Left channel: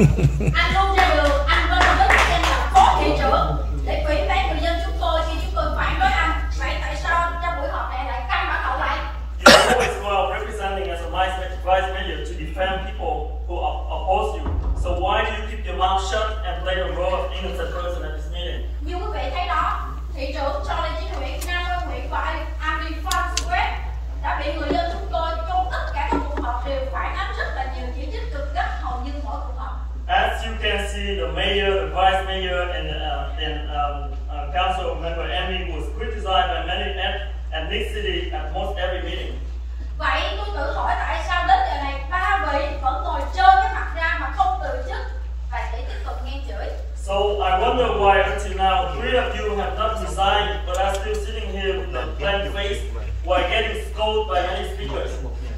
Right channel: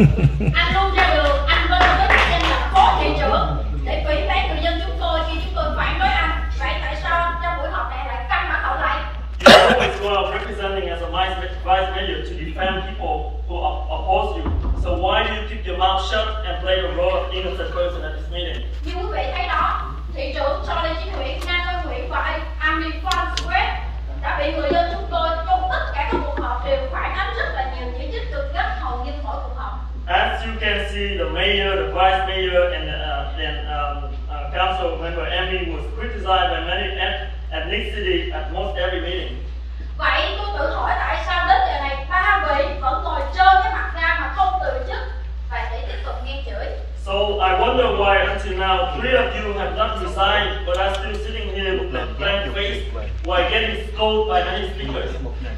Anh luôn ra đường, anh lên với chức danh là phó thị trưởng để phỉ báng người dân chúng tôi khi chúng tôi phản đối anh. Vậy tại sao trong buổi họp này lại căng mặt hậu lại? You always go out representing as a vice mayor to defend people who oppose you. So why do you keep your mouth shut and play the role of innocent person at this meeting? Như quý vị thấy đó, thị trưởng cho lên chính huyện Nam Quan huyện và Amin Farnsworth đã bị người dân chúng tôi trong tất cả các cuộc họp đều phản ánh rất là nhiều chỉ trích cực gắt hầu như mỗi cuộc họp. As you can see, the mayor, the vice mayor, and council member Amy was criticized by many ethnicity at most every meeting. Vậy tôi tự hỏi tại sao đến giờ này ba vị vẫn ngồi trơ cái mặt ra mà không từ chức và để tiếp tục nghe chửi. So I wonder why until now 3 of you have not resigned, but are still sitting here with a blank face while getting scolded by many speakers.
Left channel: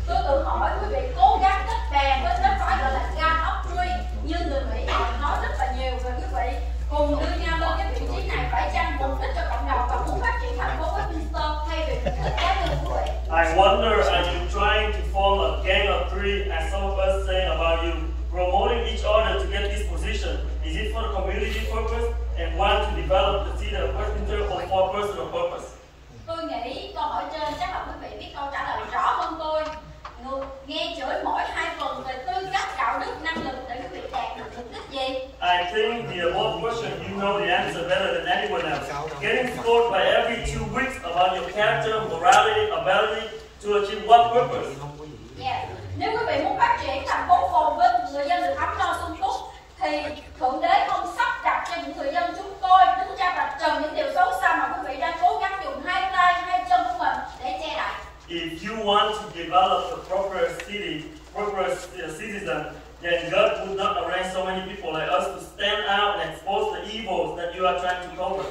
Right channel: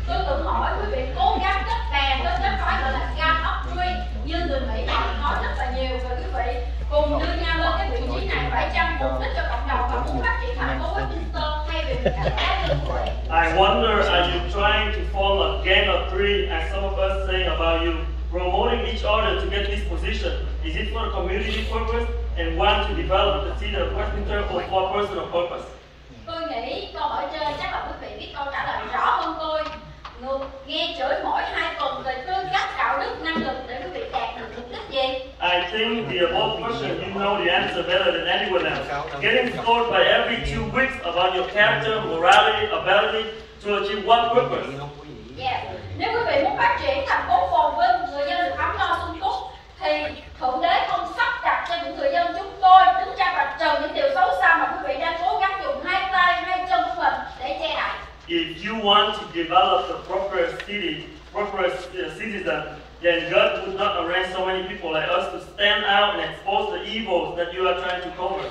Tôi tự hỏi quý vị cố gắng kết đàn đến phải gọi là gam upgrade như người Mỹ họ nói rất là nhiều về quý vị cùng đưa nhau lên cái vị trí này phải chăng mục đích cho cộng đồng và muốn phát triển thành phố Westminster thay vì cá nhân quý vị. I wonder, are you trying to form a gang of 3 as some of us saying about you, promoting each other to get this position? Is it for a community purpose and want to develop the city of Westminster or for personal purpose? Tôi nghĩ câu hỏi trên chắc là quý vị biết câu trả lời rõ hơn tôi. Nghe chửi mỗi 2 tuần về tư cách, đạo đức, năng lực để quý vị đạt được mục đích gì? I think the above question, you know the answer better than anyone else. Getting scored by every 2 weeks about your character, morality, ability to achieve what purpose? Yeah. Nếu quý vị muốn phát triển thành phố phồn vinh, người dân được ấm no sung túc, thì Thượng Đế không sắp đặt cho những người dân chúng tôi đứng ra vạch trần những điều xấu xa mà quý vị đang cố gắng dùng 2 tay, 2 chân của mình để che đậy. If you want to develop the proper citizen, then God would not arrange so many people like us to stand out and expose the evils that you are trying to cover.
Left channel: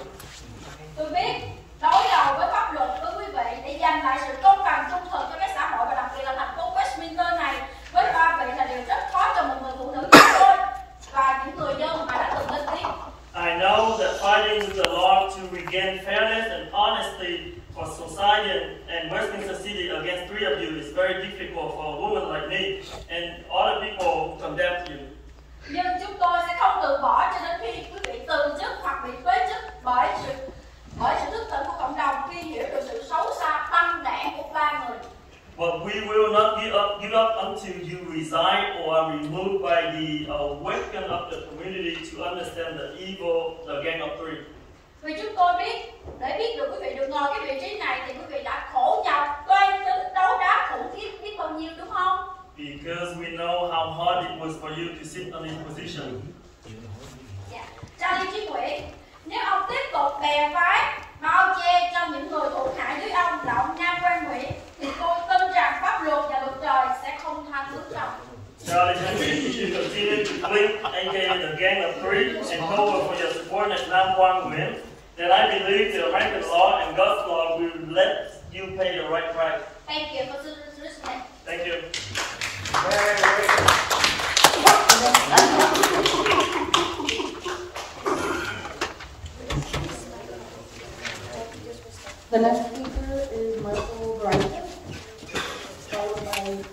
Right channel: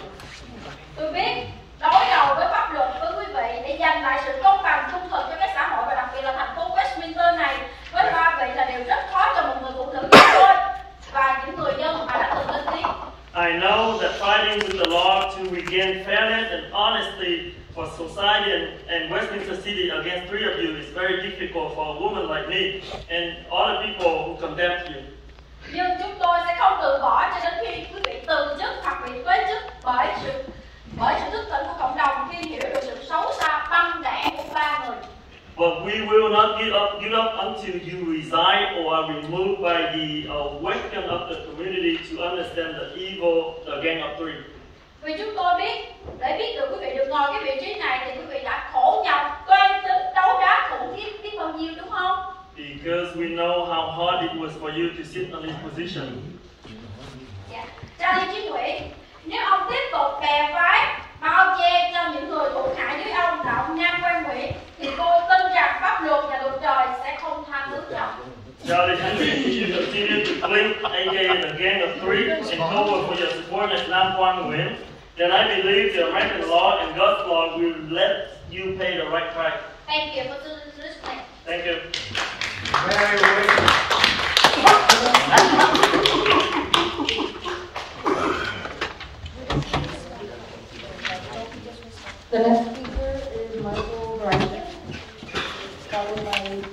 Tôi biết đối đầu với pháp luật với quý vị để giành lại sự công bằng trung thực cho các xã hội và đặc biệt là thành phố Westminster này với 3 vị là điều rất khó cho một người phụ nữ như tôi và những người dân mà đã từng lên tiếng. I know that fighting with the law to regain fairness and honesty for society and Westminster City against 3 of you is very difficult for a woman like me and other people who condemn you. Nhưng chúng tôi sẽ không từ bỏ cho đến khi quý vị từ chức hoặc bị phế chức bởi sự thức tỉnh của cộng đồng khi hiểu được sự xấu xa băng đảng của 3 người. But we will not give up until you resign or are removed by the awakening of the community to understand the evil, the gang of 3. Vì chúng tôi biết, để biết được quý vị được ngồi cái vị trí này thì quý vị đã khổ nhọc, toan tính, đấu đá khủng khiếp biết bao nhiêu đúng không? Because we know how hard it was for you to sit on this position. Dạ. Cha Liên Chí Nguyễn, nếu ông tiếp tục bè phái mà ông che cho những người hữu hại với ông là ông Nam Quan Nguyễn thì tôi tin rằng pháp luật và luật trời sẽ không tha thứ cho ông. Charlie Henry, if you continue to blink, aka the gang of 3, and cover for your support as Nam Quang Nguyen, then I believe the American law and God's law will let you pay the right price. Thank you for listening. Thank you. The next speaker is Michael Bryson, followed by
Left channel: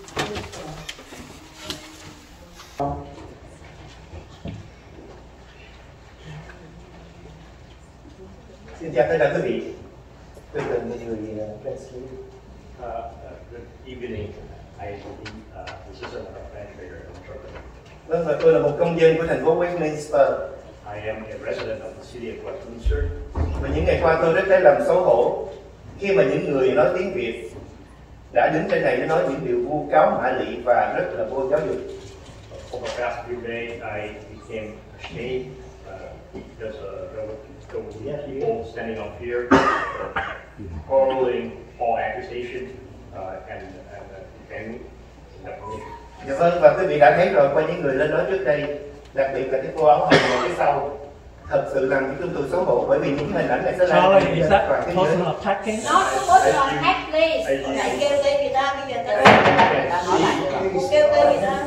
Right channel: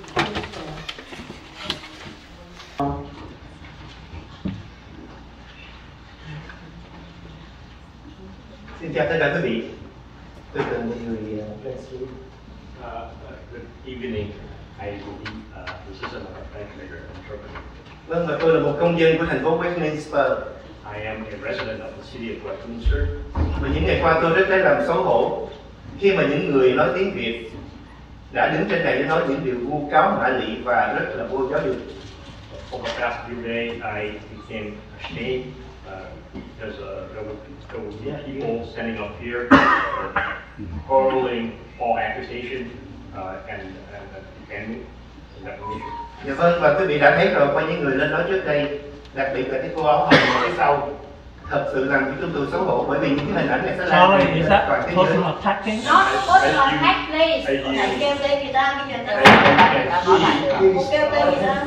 Xin chào tất cả quý vị. Tôi là một người Good evening. I will be assistant of bank mayor in Germany. Vâng, và tôi là một công dân của thành phố Westminster. I am a resident of the city of Westminster. Và những ngày qua tôi rất lấy làm xấu hổ khi mà những người nói tiếng Việt đã đứng trên này nói những điều vu cáo mạ lị và rất là vô giáo dục. Over the past few days, I became ashamed because there were people standing up here hurling all accusations and defending that position. Dạ vâng, và quý vị đã thấy rồi qua những người lên nói trước đây, đặc biệt là cái cô áo hồng ở phía sau, thật sự làm cho tôi xấu hổ bởi vì những cái hình ảnh này sẽ làm Charlie, is that personal attacking? Not personal attack, please. Hãy kêu tên người ta, bây giờ ta kêu tên người ta.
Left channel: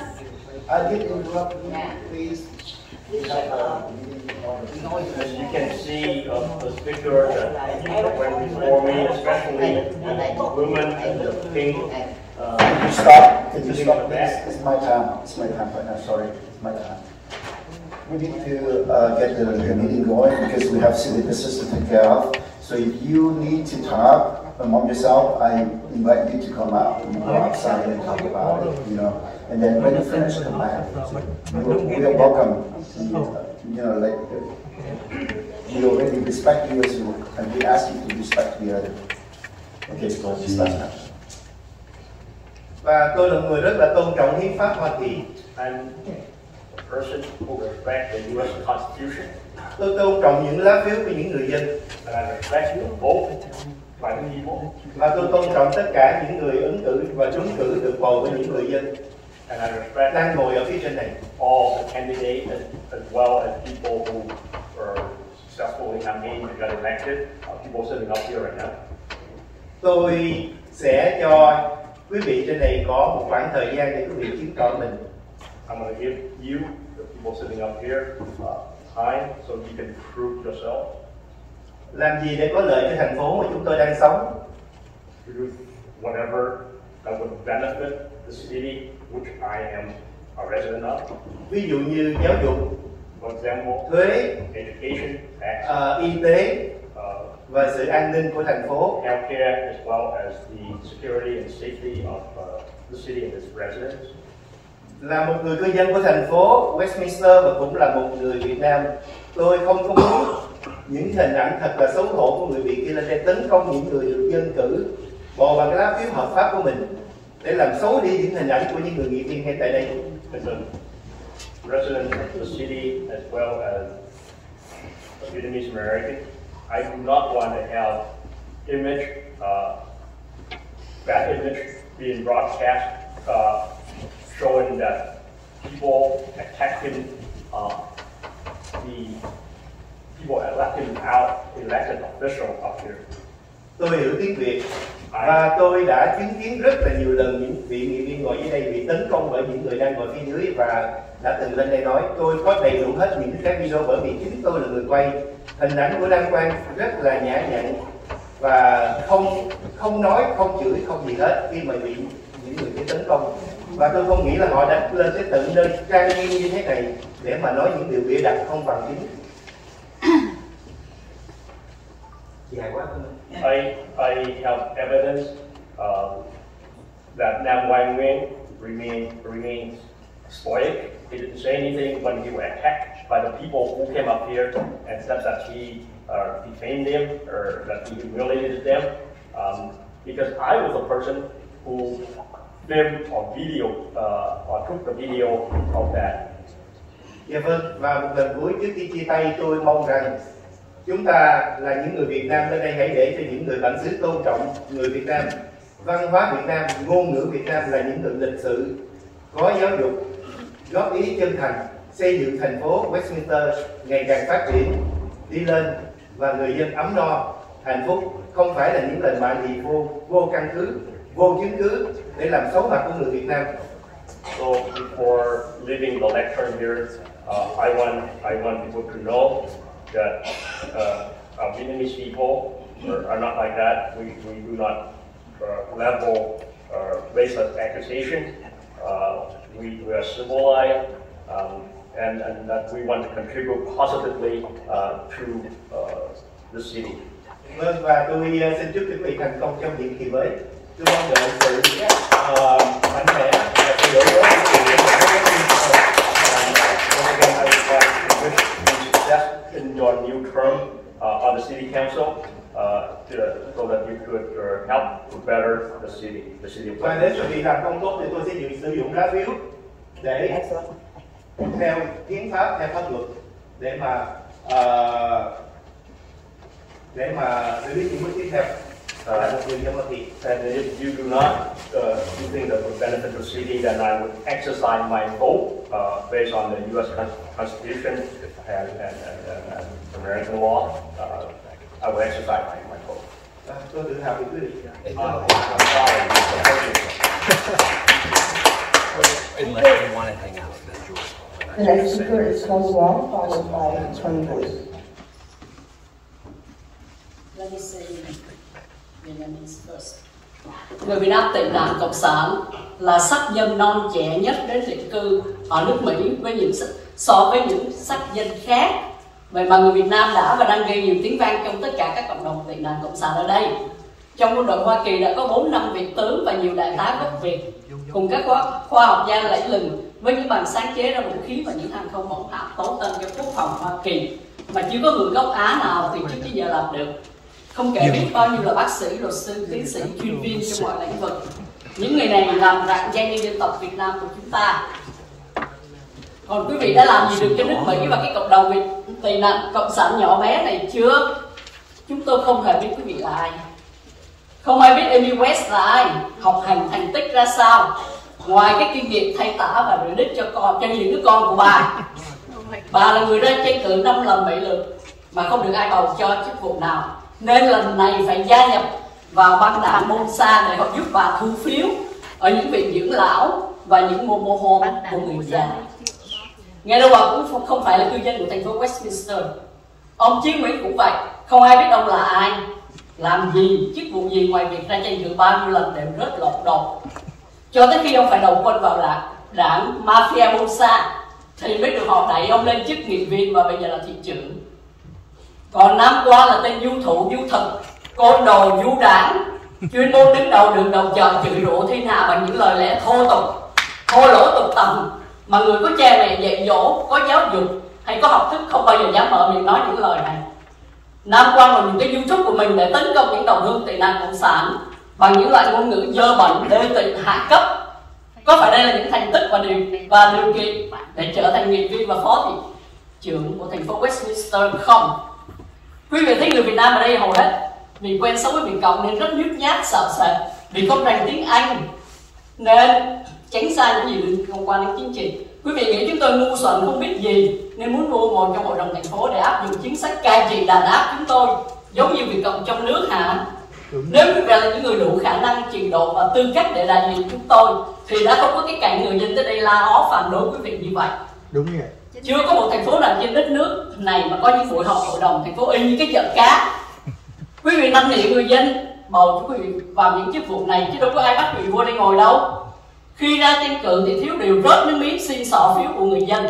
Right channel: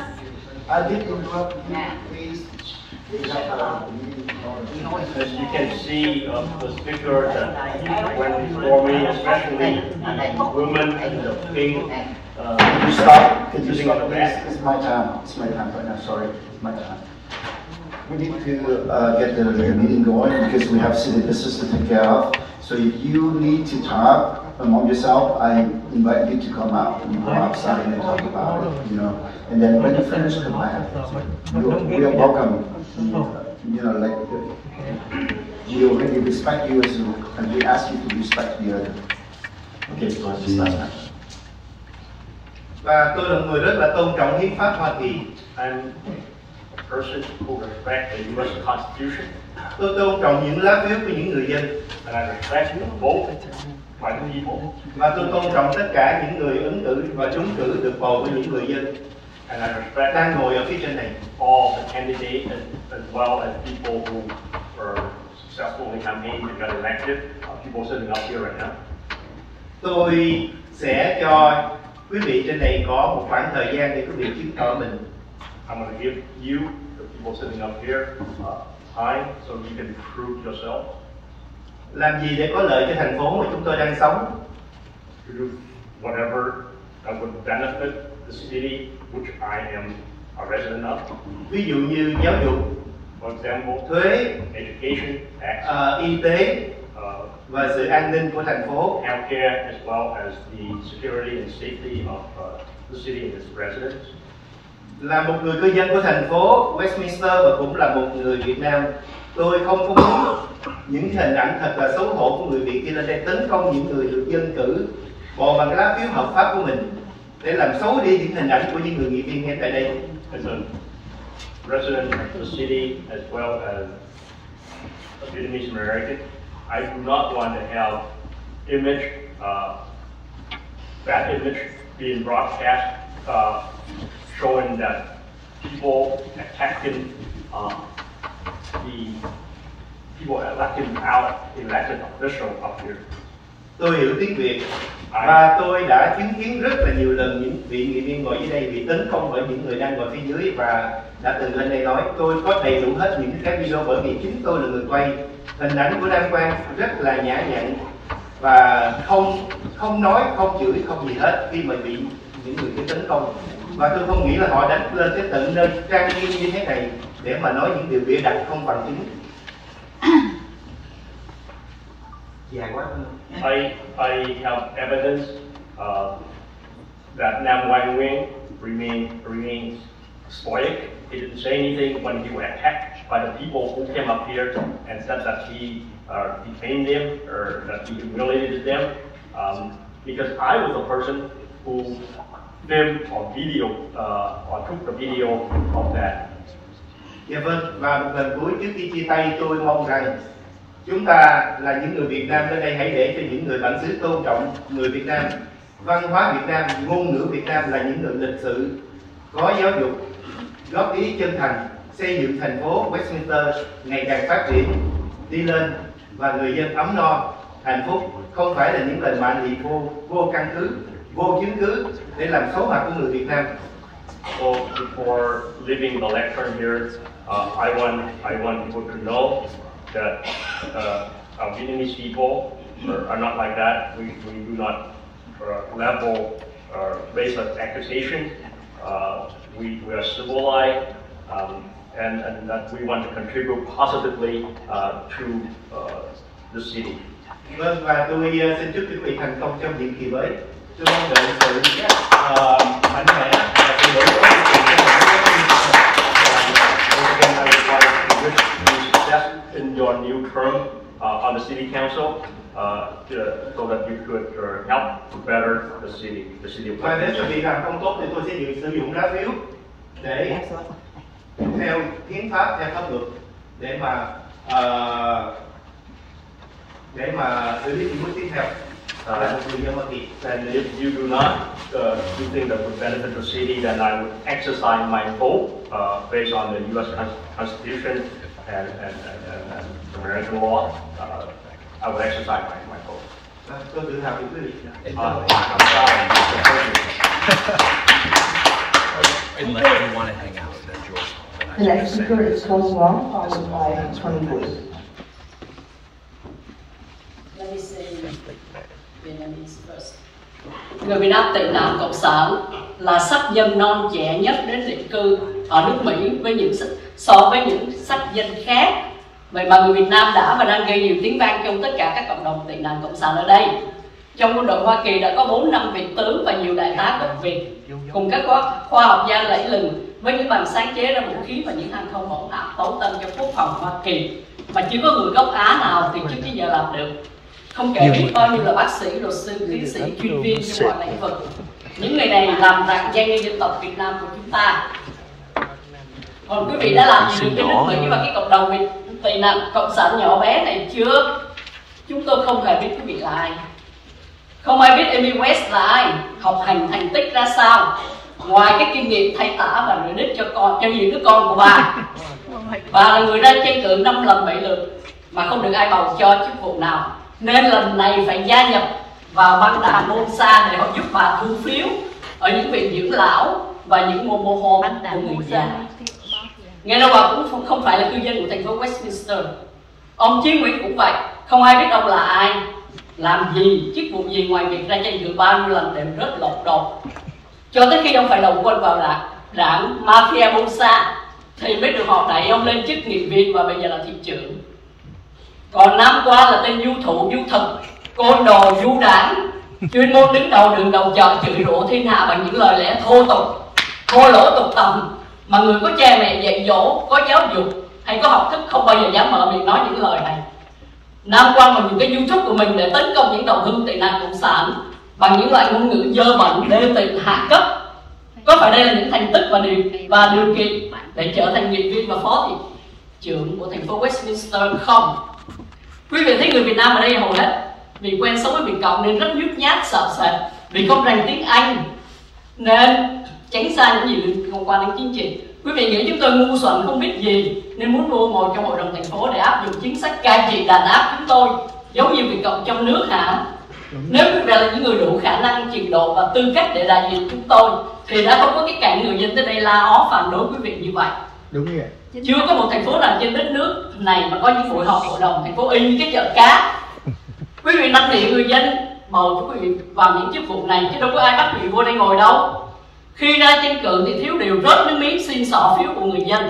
I did interrupt you, please. As you can see, the speaker that went before me, especially the woman in the pink. Can you stop? Can you stop, please? It's my time. It's my time right now. Sorry, it's my time. We need to get the meeting going because we have city business to take care of. So if you need to talk among yourself, I invite you to come out and go outside and talk about it, you know. And then when you finish, come back. We'll welcome you, you know, like we already respect you as you, and we ask you to respect the other. Okay, so start now. Và tôi là người rất là tôn trọng hiến pháp Hoa Kỳ. I'm a person who respects the U.S. Constitution. Tôi tôn trọng những lá phiếu của những người dân. And I respect the vote by the people. Và tôi tôn trọng tất cả những người ứng cử và trúng cử được bầu bởi những người dân. And I respect đang ngồi ở phía trên này. All the candidates as well as people who are successfully campaigning and got elected. People sitting up here right now. Tôi sẽ cho quý vị trên này có một khoảng thời gian để quý vị chứng tỏ mình. I'm going to give you, the people sitting up here, time so you can prove yourself. Làm gì để có lợi cho thành phố mà chúng tôi đang sống? To do whatever that would benefit the city which I am a resident of. Ví dụ như giáo dục, for example, thuế, education, tax, y tế và sự an ninh của thành phố. Healthcare as well as the security and safety of the city and its residents. Là một người cư dân của thành phố Westminster và cũng là một người Việt Nam, tôi không có muốn những hình ảnh thật là xấu hổ của người Việt kia lên đây tấn công những người được dân cử bầu bằng lá phiếu hợp pháp của mình để làm xấu đi những hình ảnh của những người nghị viên ngay tại đây. As a resident of the city as well as a Vietnamese American, I do not want to have bad image being broadcast showing that people attacking the people electing out elected official up here. Tôi hiểu tiếng Việt và tôi đã chứng kiến rất là nhiều lần những vị nghị viên ngồi dưới đây bị tấn công bởi những người đang ngồi phía dưới và đã từng lên đây nói tôi có đầy đủ hết những cái video bởi vì chính tôi là người quay. Hình ảnh của Đăng Quang rất là nhã nhặn và không nói, không chửi, không gì hết khi mà bị những người kia tấn công. Và tôi không nghĩ là họ đã lên tới tận nơi trang nghiêm như thế này để mà nói những điều bịa đặt không bằng chứng. I have evidence that Nam Quang Nguyen remains stoic. He didn't say anything when he was attacked by the people who came up here and said that he defamed them or that he humiliated them. Because I was the person who filmed or video or took the video of that. Dạ vâng, và một lần cuối trước khi chia tay tôi mong rằng chúng ta là những người Việt Nam ở đây hãy để cho những người bản xứ tôn trọng người Việt Nam, văn hóa Việt Nam, ngôn ngữ Việt Nam là những người lịch sự, có giáo dục, góp ý chân thành, xây dựng thành phố Westminster ngày càng phát triển, đi lên và người dân ấm no, hạnh phúc, không phải là những lời mạ lị vô căn cứ, vô chứng cứ để làm xấu mặt của người Việt Nam. So before leaving the lecture here, I want people to know that our Vietnamese people are not like that. We do not level racist accusations. We are civilized, and that we want to contribute positively to the city. Vâng, và tôi xin chúc quý vị thành công trong nhiệm kỳ mới. Tôi mong đợi sự mạnh mẽ và sự đổi mới. Again, I would like to wish you success in your new term on the city council, so that you could help to better the city of Và nếu quý vị làm không tốt thì tôi sẽ sử dụng lá phiếu để theo hiến pháp, theo pháp luật để mà xử lý những bước tiếp theo. And if you do not you think that would benefit the city, then I would exercise my vote based on the U.S. Constitution and American law. I would exercise my vote. Tôi tự hào về quý vị. I'm proud of you. Unless you want to hang out, that's yours. The next speaker is Close Wong, followed by Tony Wu. Let me say Vietnamese first. Người Việt Nam tị nạn Cộng sản là sắc dân non trẻ nhất đến định cư ở nước Mỹ so với những sắc dân khác. Vậy mà người Việt Nam đã và đang gây nhiều tiếng vang trong tất cả các cộng đồng tị nạn cộng sản ở đây. Trong quân đội Hoa Kỳ đã có 4 năm vị tướng và nhiều đại tá gốc Việt cùng các khoa học gia lẫy lừng với những bằng sáng chế ra vũ khí và những hàng không mẫu hạm tấu tên cho quốc phòng Hoa Kỳ mà chưa có người gốc Á nào thì trước tới giờ làm được. Không kể biết bao nhiêu là bác sĩ, luật sư, tiến sĩ, chuyên viên trong mọi lĩnh vực. Những người này làm rạng danh như dân tộc Việt Nam của chúng ta. Còn quý vị đã làm gì được cái nước Mỹ và cái cộng đồng Việt tị nạn cộng sản nhỏ bé này chưa? Chúng tôi không hề biết quý vị là ai. Không ai biết Amy West là ai, học hành thành tích ra sao, ngoài cái kinh nghiệm thay tả và rửa đít cho những đứa con của bà. Bà là người ra tranh cử 5 lần 7 lượt mà không được ai bầu cho chức vụ nào, nên lần này phải gia nhập vào băng đảng Bolsa để họ giúp bà thu phiếu ở những viện dưỡng lão và những mô home của người già. Nghe đâu bà cũng không phải là cư dân của thành phố Westminster. Ông Chiến Nguyễn cũng vậy, không ai biết ông là ai, làm gì, chức vụ gì ngoài việc ra tranh cử bao nhiêu lần đều rất lột đột. Cho tới khi ông phải đầu quân vào đảng Mafia Bolsa thì mới được họ đẩy ông lên chức nghị viên và bây giờ là thị trưởng. Còn năm qua là tên du thủ, du thực, côn đồ, du đảng, chuyên môn đứng đầu đường đầu chợ chửi rủa thiên hạ bằng những lời lẽ thô tục, thô lỗ tục tầm mà người có cha mẹ dạy dỗ, có giáo dục hay có học thức không bao giờ dám mở miệng nói những lời này. Nam quan bằng những cái YouTube của mình để tấn công những đồng hương tị nạn cộng sản bằng những loại ngôn ngữ dơ bẩn, đê tiện, hạ cấp. Có phải đây là những thành tích và điều kiện để trở thành nghị viên và phó thị trưởng của thành phố Westminster không? Quý vị thấy người Việt Nam ở đây hầu hết vì quen sống với Việt Cộng nên rất nhút nhát, sợ sệt, vì không rành tiếng Anh nên tránh xa những gì liên quan đến chính trị. Quý vị nghĩ chúng tôi ngu xuẩn không biết gì nên muốn mua ngồi trong hội đồng thành phố để áp dụng chính sách cai trị đàn áp chúng tôi giống như Việt Cộng trong nước hả? Nếu quý vị là những người đủ khả năng, trình độ và tư cách để đại diện chúng tôi thì đã không có cái cảnh người dân tới đây la ó phản đối quý vị như vậy. Đúng vậy. Chưa có một thành phố nào trên đất nước này mà có những buổi họp hội đồng thành phố y như cái chợ cá. Quý vị năn nỉ người dân bầu cho quý vị vào những chức vụ này chứ đâu có ai bắt quý vị vô đây ngồi đâu. Khi ra tranh cử thì thiếu điều rớt nước miếng xin xỏ phiếu của người dân.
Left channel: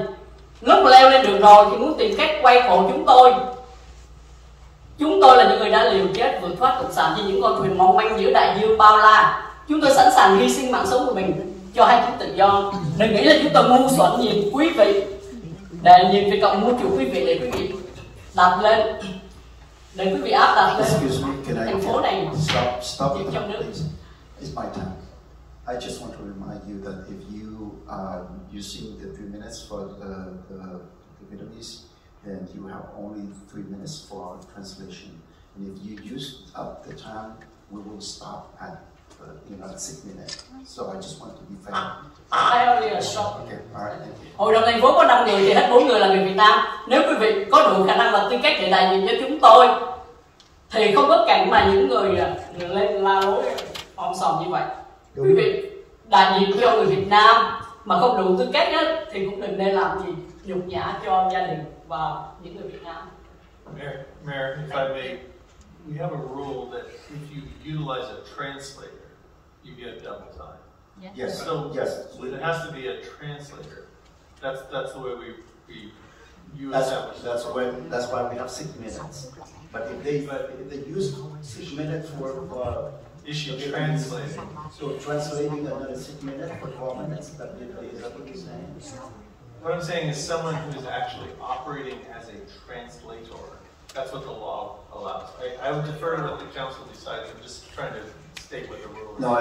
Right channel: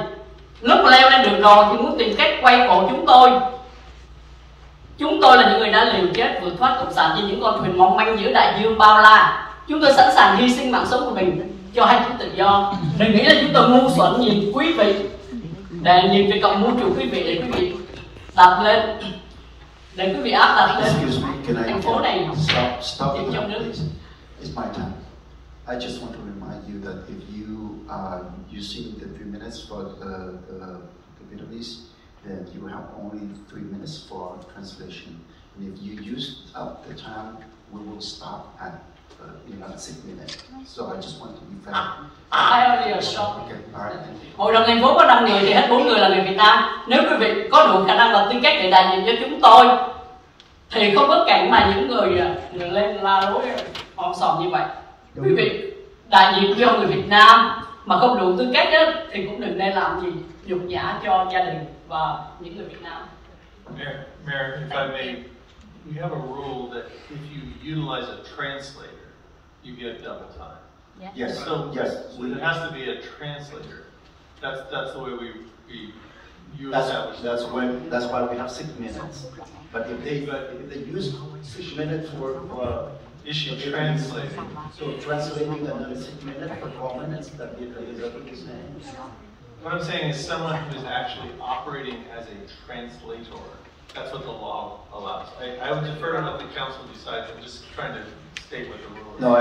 Lúc leo lên được rồi thì muốn tìm cách quay cổ chúng tôi. Chúng tôi là những người đã liều chết vượt thoát cộng sản trên những con thuyền mong manh giữa đại dương bao la. Chúng tôi sẵn sàng hy sinh mạng sống của mình cho hai chữ tự do. Đừng nghĩ là chúng tôi ngu xuẩn nhìn quý vị để nhìn Việt Cộng mua chủ quý vị để quý vị đặt lên, để quý vị áp đặt lên thành phố này stop trong nước. It's my time. I just want to remind you that if you are using the 3 minutes for the Vietnamese, then you have only 3 minutes for translation. And if you use up the time, we will stop at 6 minutes. So I just want to be fair. I only a short. Okay, all right. Hội đồng thành phố có 5 người thì hết 4 người là người Việt Nam. Nếu quý vị có đủ khả năng và tư cách để đại diện cho chúng tôi thì không có cảnh mà những người lên la lối om sòm như vậy. Đúng. Quý vị đại diện cho người Việt Nam mà không đủ tư cách đó, thì cũng đừng nên làm gì nhục nhã cho gia đình và những người Việt Nam. Mayor, if I may, we have a rule that if you utilize a translator, you get double time. Yeah. Yes. So there has to be a translator. That's the way we that's why we have 6 minutes. But if they use 6 minutes for issue translating. So translating another 6 minutes for 12 minutes, is that what you're saying? What I'm saying is someone who is actually operating as a translator. That's what the law allows. I would defer to what the council decides. I'm just trying to state what the rule is. No,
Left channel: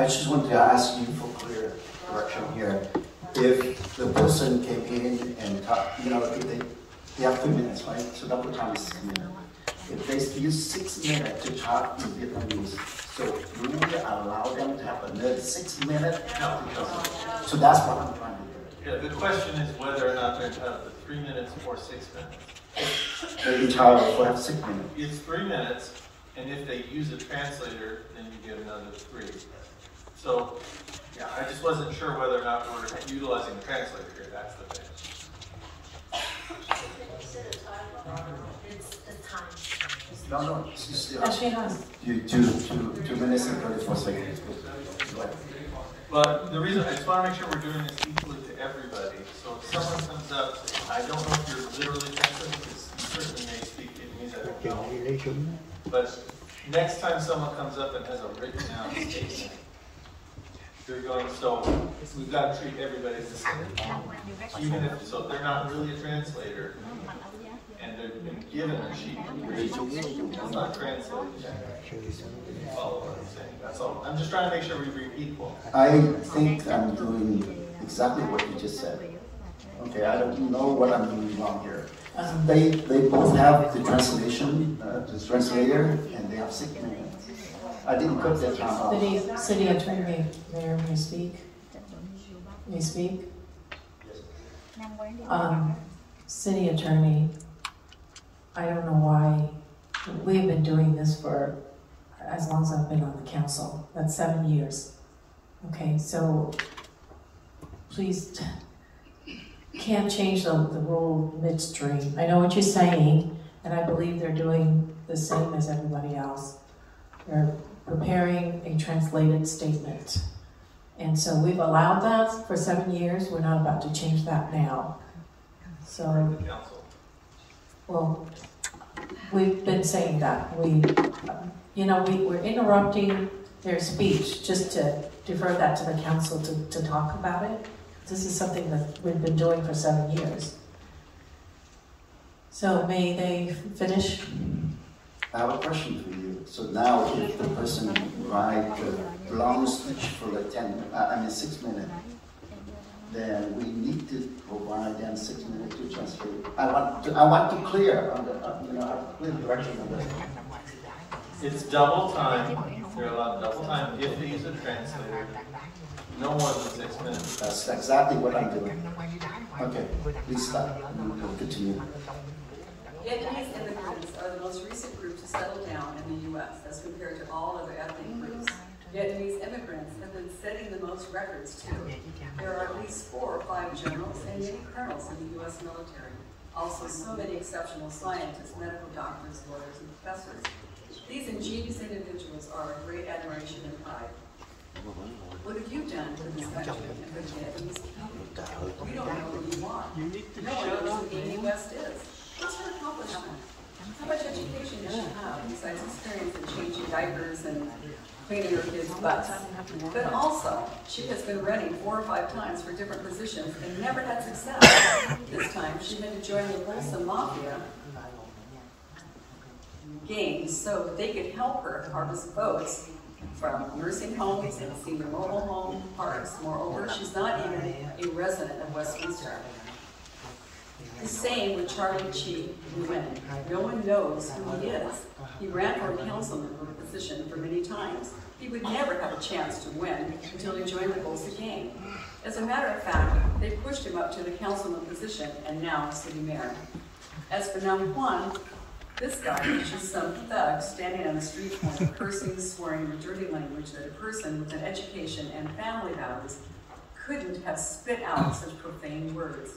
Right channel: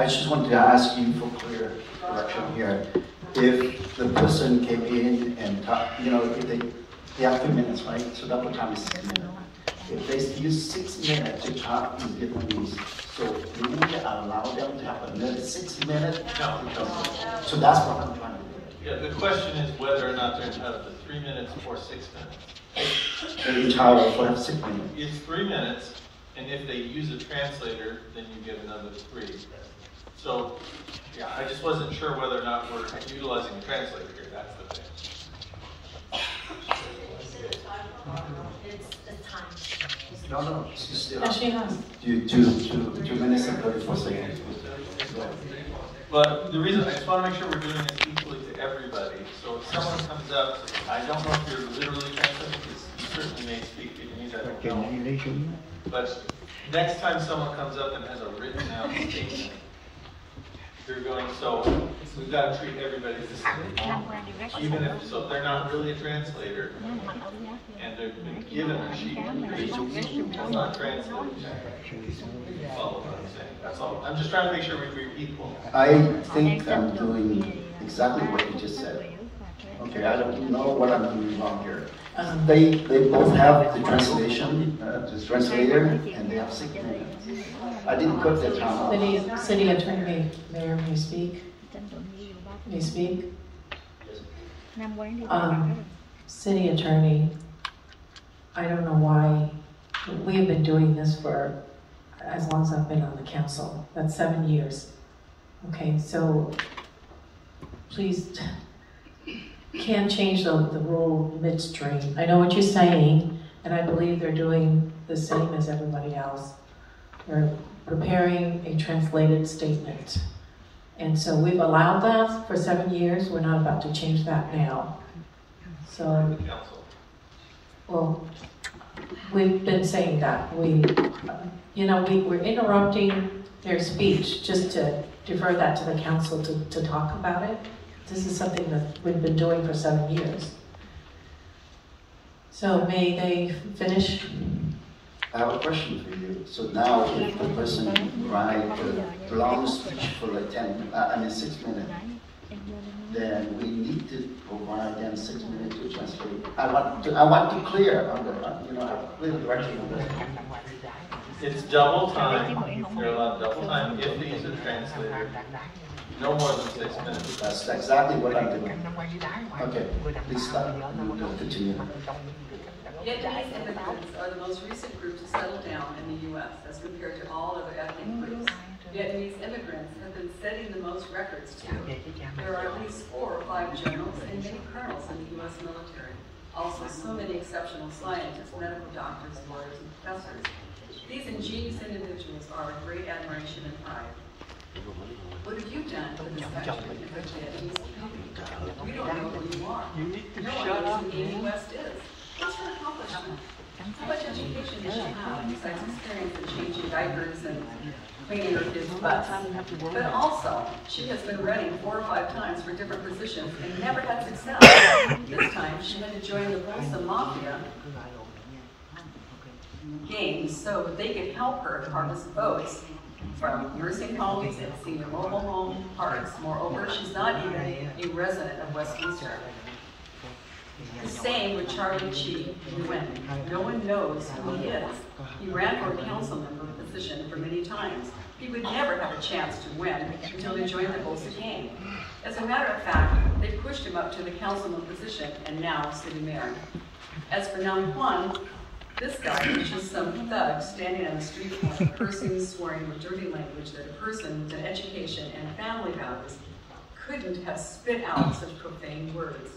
I just want to ask you for clear direction here. If the person came in and talked, if they have 2 minutes, right? So double time is 6 minutes. If they use 6 minutes to talk in Vietnamese, so do we allow them to have another 6 minutes? No. So that's what I'm trying to do. Yeah, the question is whether or not they're entitled to 3 minutes or 6 minutes. They're entitled to have 6 minutes. It's 3 minutes, and if they use a translator, then you get another 3. So, yeah, I just wasn't sure whether or not we're utilizing a translator here. That's the thing. No, she's still. She has. 2 minutes and 34 seconds. But the reason I just want to make sure we're doing this equally to everybody someone comes up, I don't know if you're literally translating, because you certainly may speak Vietnamese, I don't know. But next time someone comes up and has a written out statement, you're going, so we've got to treat everybody the same. Even if, so they're not really a translator, and they've been given a sheet of music, that's not translating. You follow what I'm saying? That's all. I'm just trying to make sure we read equal. I think I'm doing exactly what you just said. Okay, I don't know what I'm doing wrong here. They both have the translation, the translator, and they have 6 minutes. I didn't put the time up. City Attorney, Mayor, may I speak? May I speak? City Attorney, I don't know why, we've been doing this for as long as I've been on the council. That's 7 years. Okay, so please, can't change the rule midstream. I know what you're saying, and I believe they're doing the same as everybody else. They're preparing a translated statement. And so we've allowed that for 7 years. We're not about to change that now. So, well, we've been saying that. We're interrupting their speech just to defer that to the council to talk about it. This is something that we've been doing for 7 years. So may they finish? I have a question for you. So now, if the person writes a long speech for like 6 minutes, then we need to provide them 6 minutes to translate. I want to clear on the, have a clear direction on this. It's double time. You're allowed double time if he's a translator. No more than 6 minutes. That's exactly what I'm doing. Okay, please stop. Continue. Vietnamese immigrants are the most recent group to settle down in the U.S. as compared to all other ethnic groups. Vietnamese immigrants have been setting the most records too. There are at least 4 or 5 generals and many colonels in the U.S. military. Also, so many exceptional scientists, medical doctors, lawyers, and professors. These ingenious individuals are of great admiration and pride. What have you done for this country and for Vietnamese people? You don't know who you are. No one knows who Amy West is. What's her accomplishment? How much education does she have besides experience in changing diapers and cleaning her kids' butts? But also, she has been running 4 or 5 times for different positions and never had success. This time, she had to join the Bolsa Mafia games so they could help her harvest votes from nursing homes and senior mobile home parks. Moreover, she's not even a resident of Westminster. The same with Charlie Chi, who went. No one knows who he is. He ran for a council member position for many times. He would never have a chance to win until he joined the Bolsa gang. As a matter of fact, they pushed him up to the councilman position and now city mayor. As for Nam Quan, this guy is just some thug standing on the street corner, cursing, swearing with dirty language that a person with an education and family values couldn't have spit out such profane words.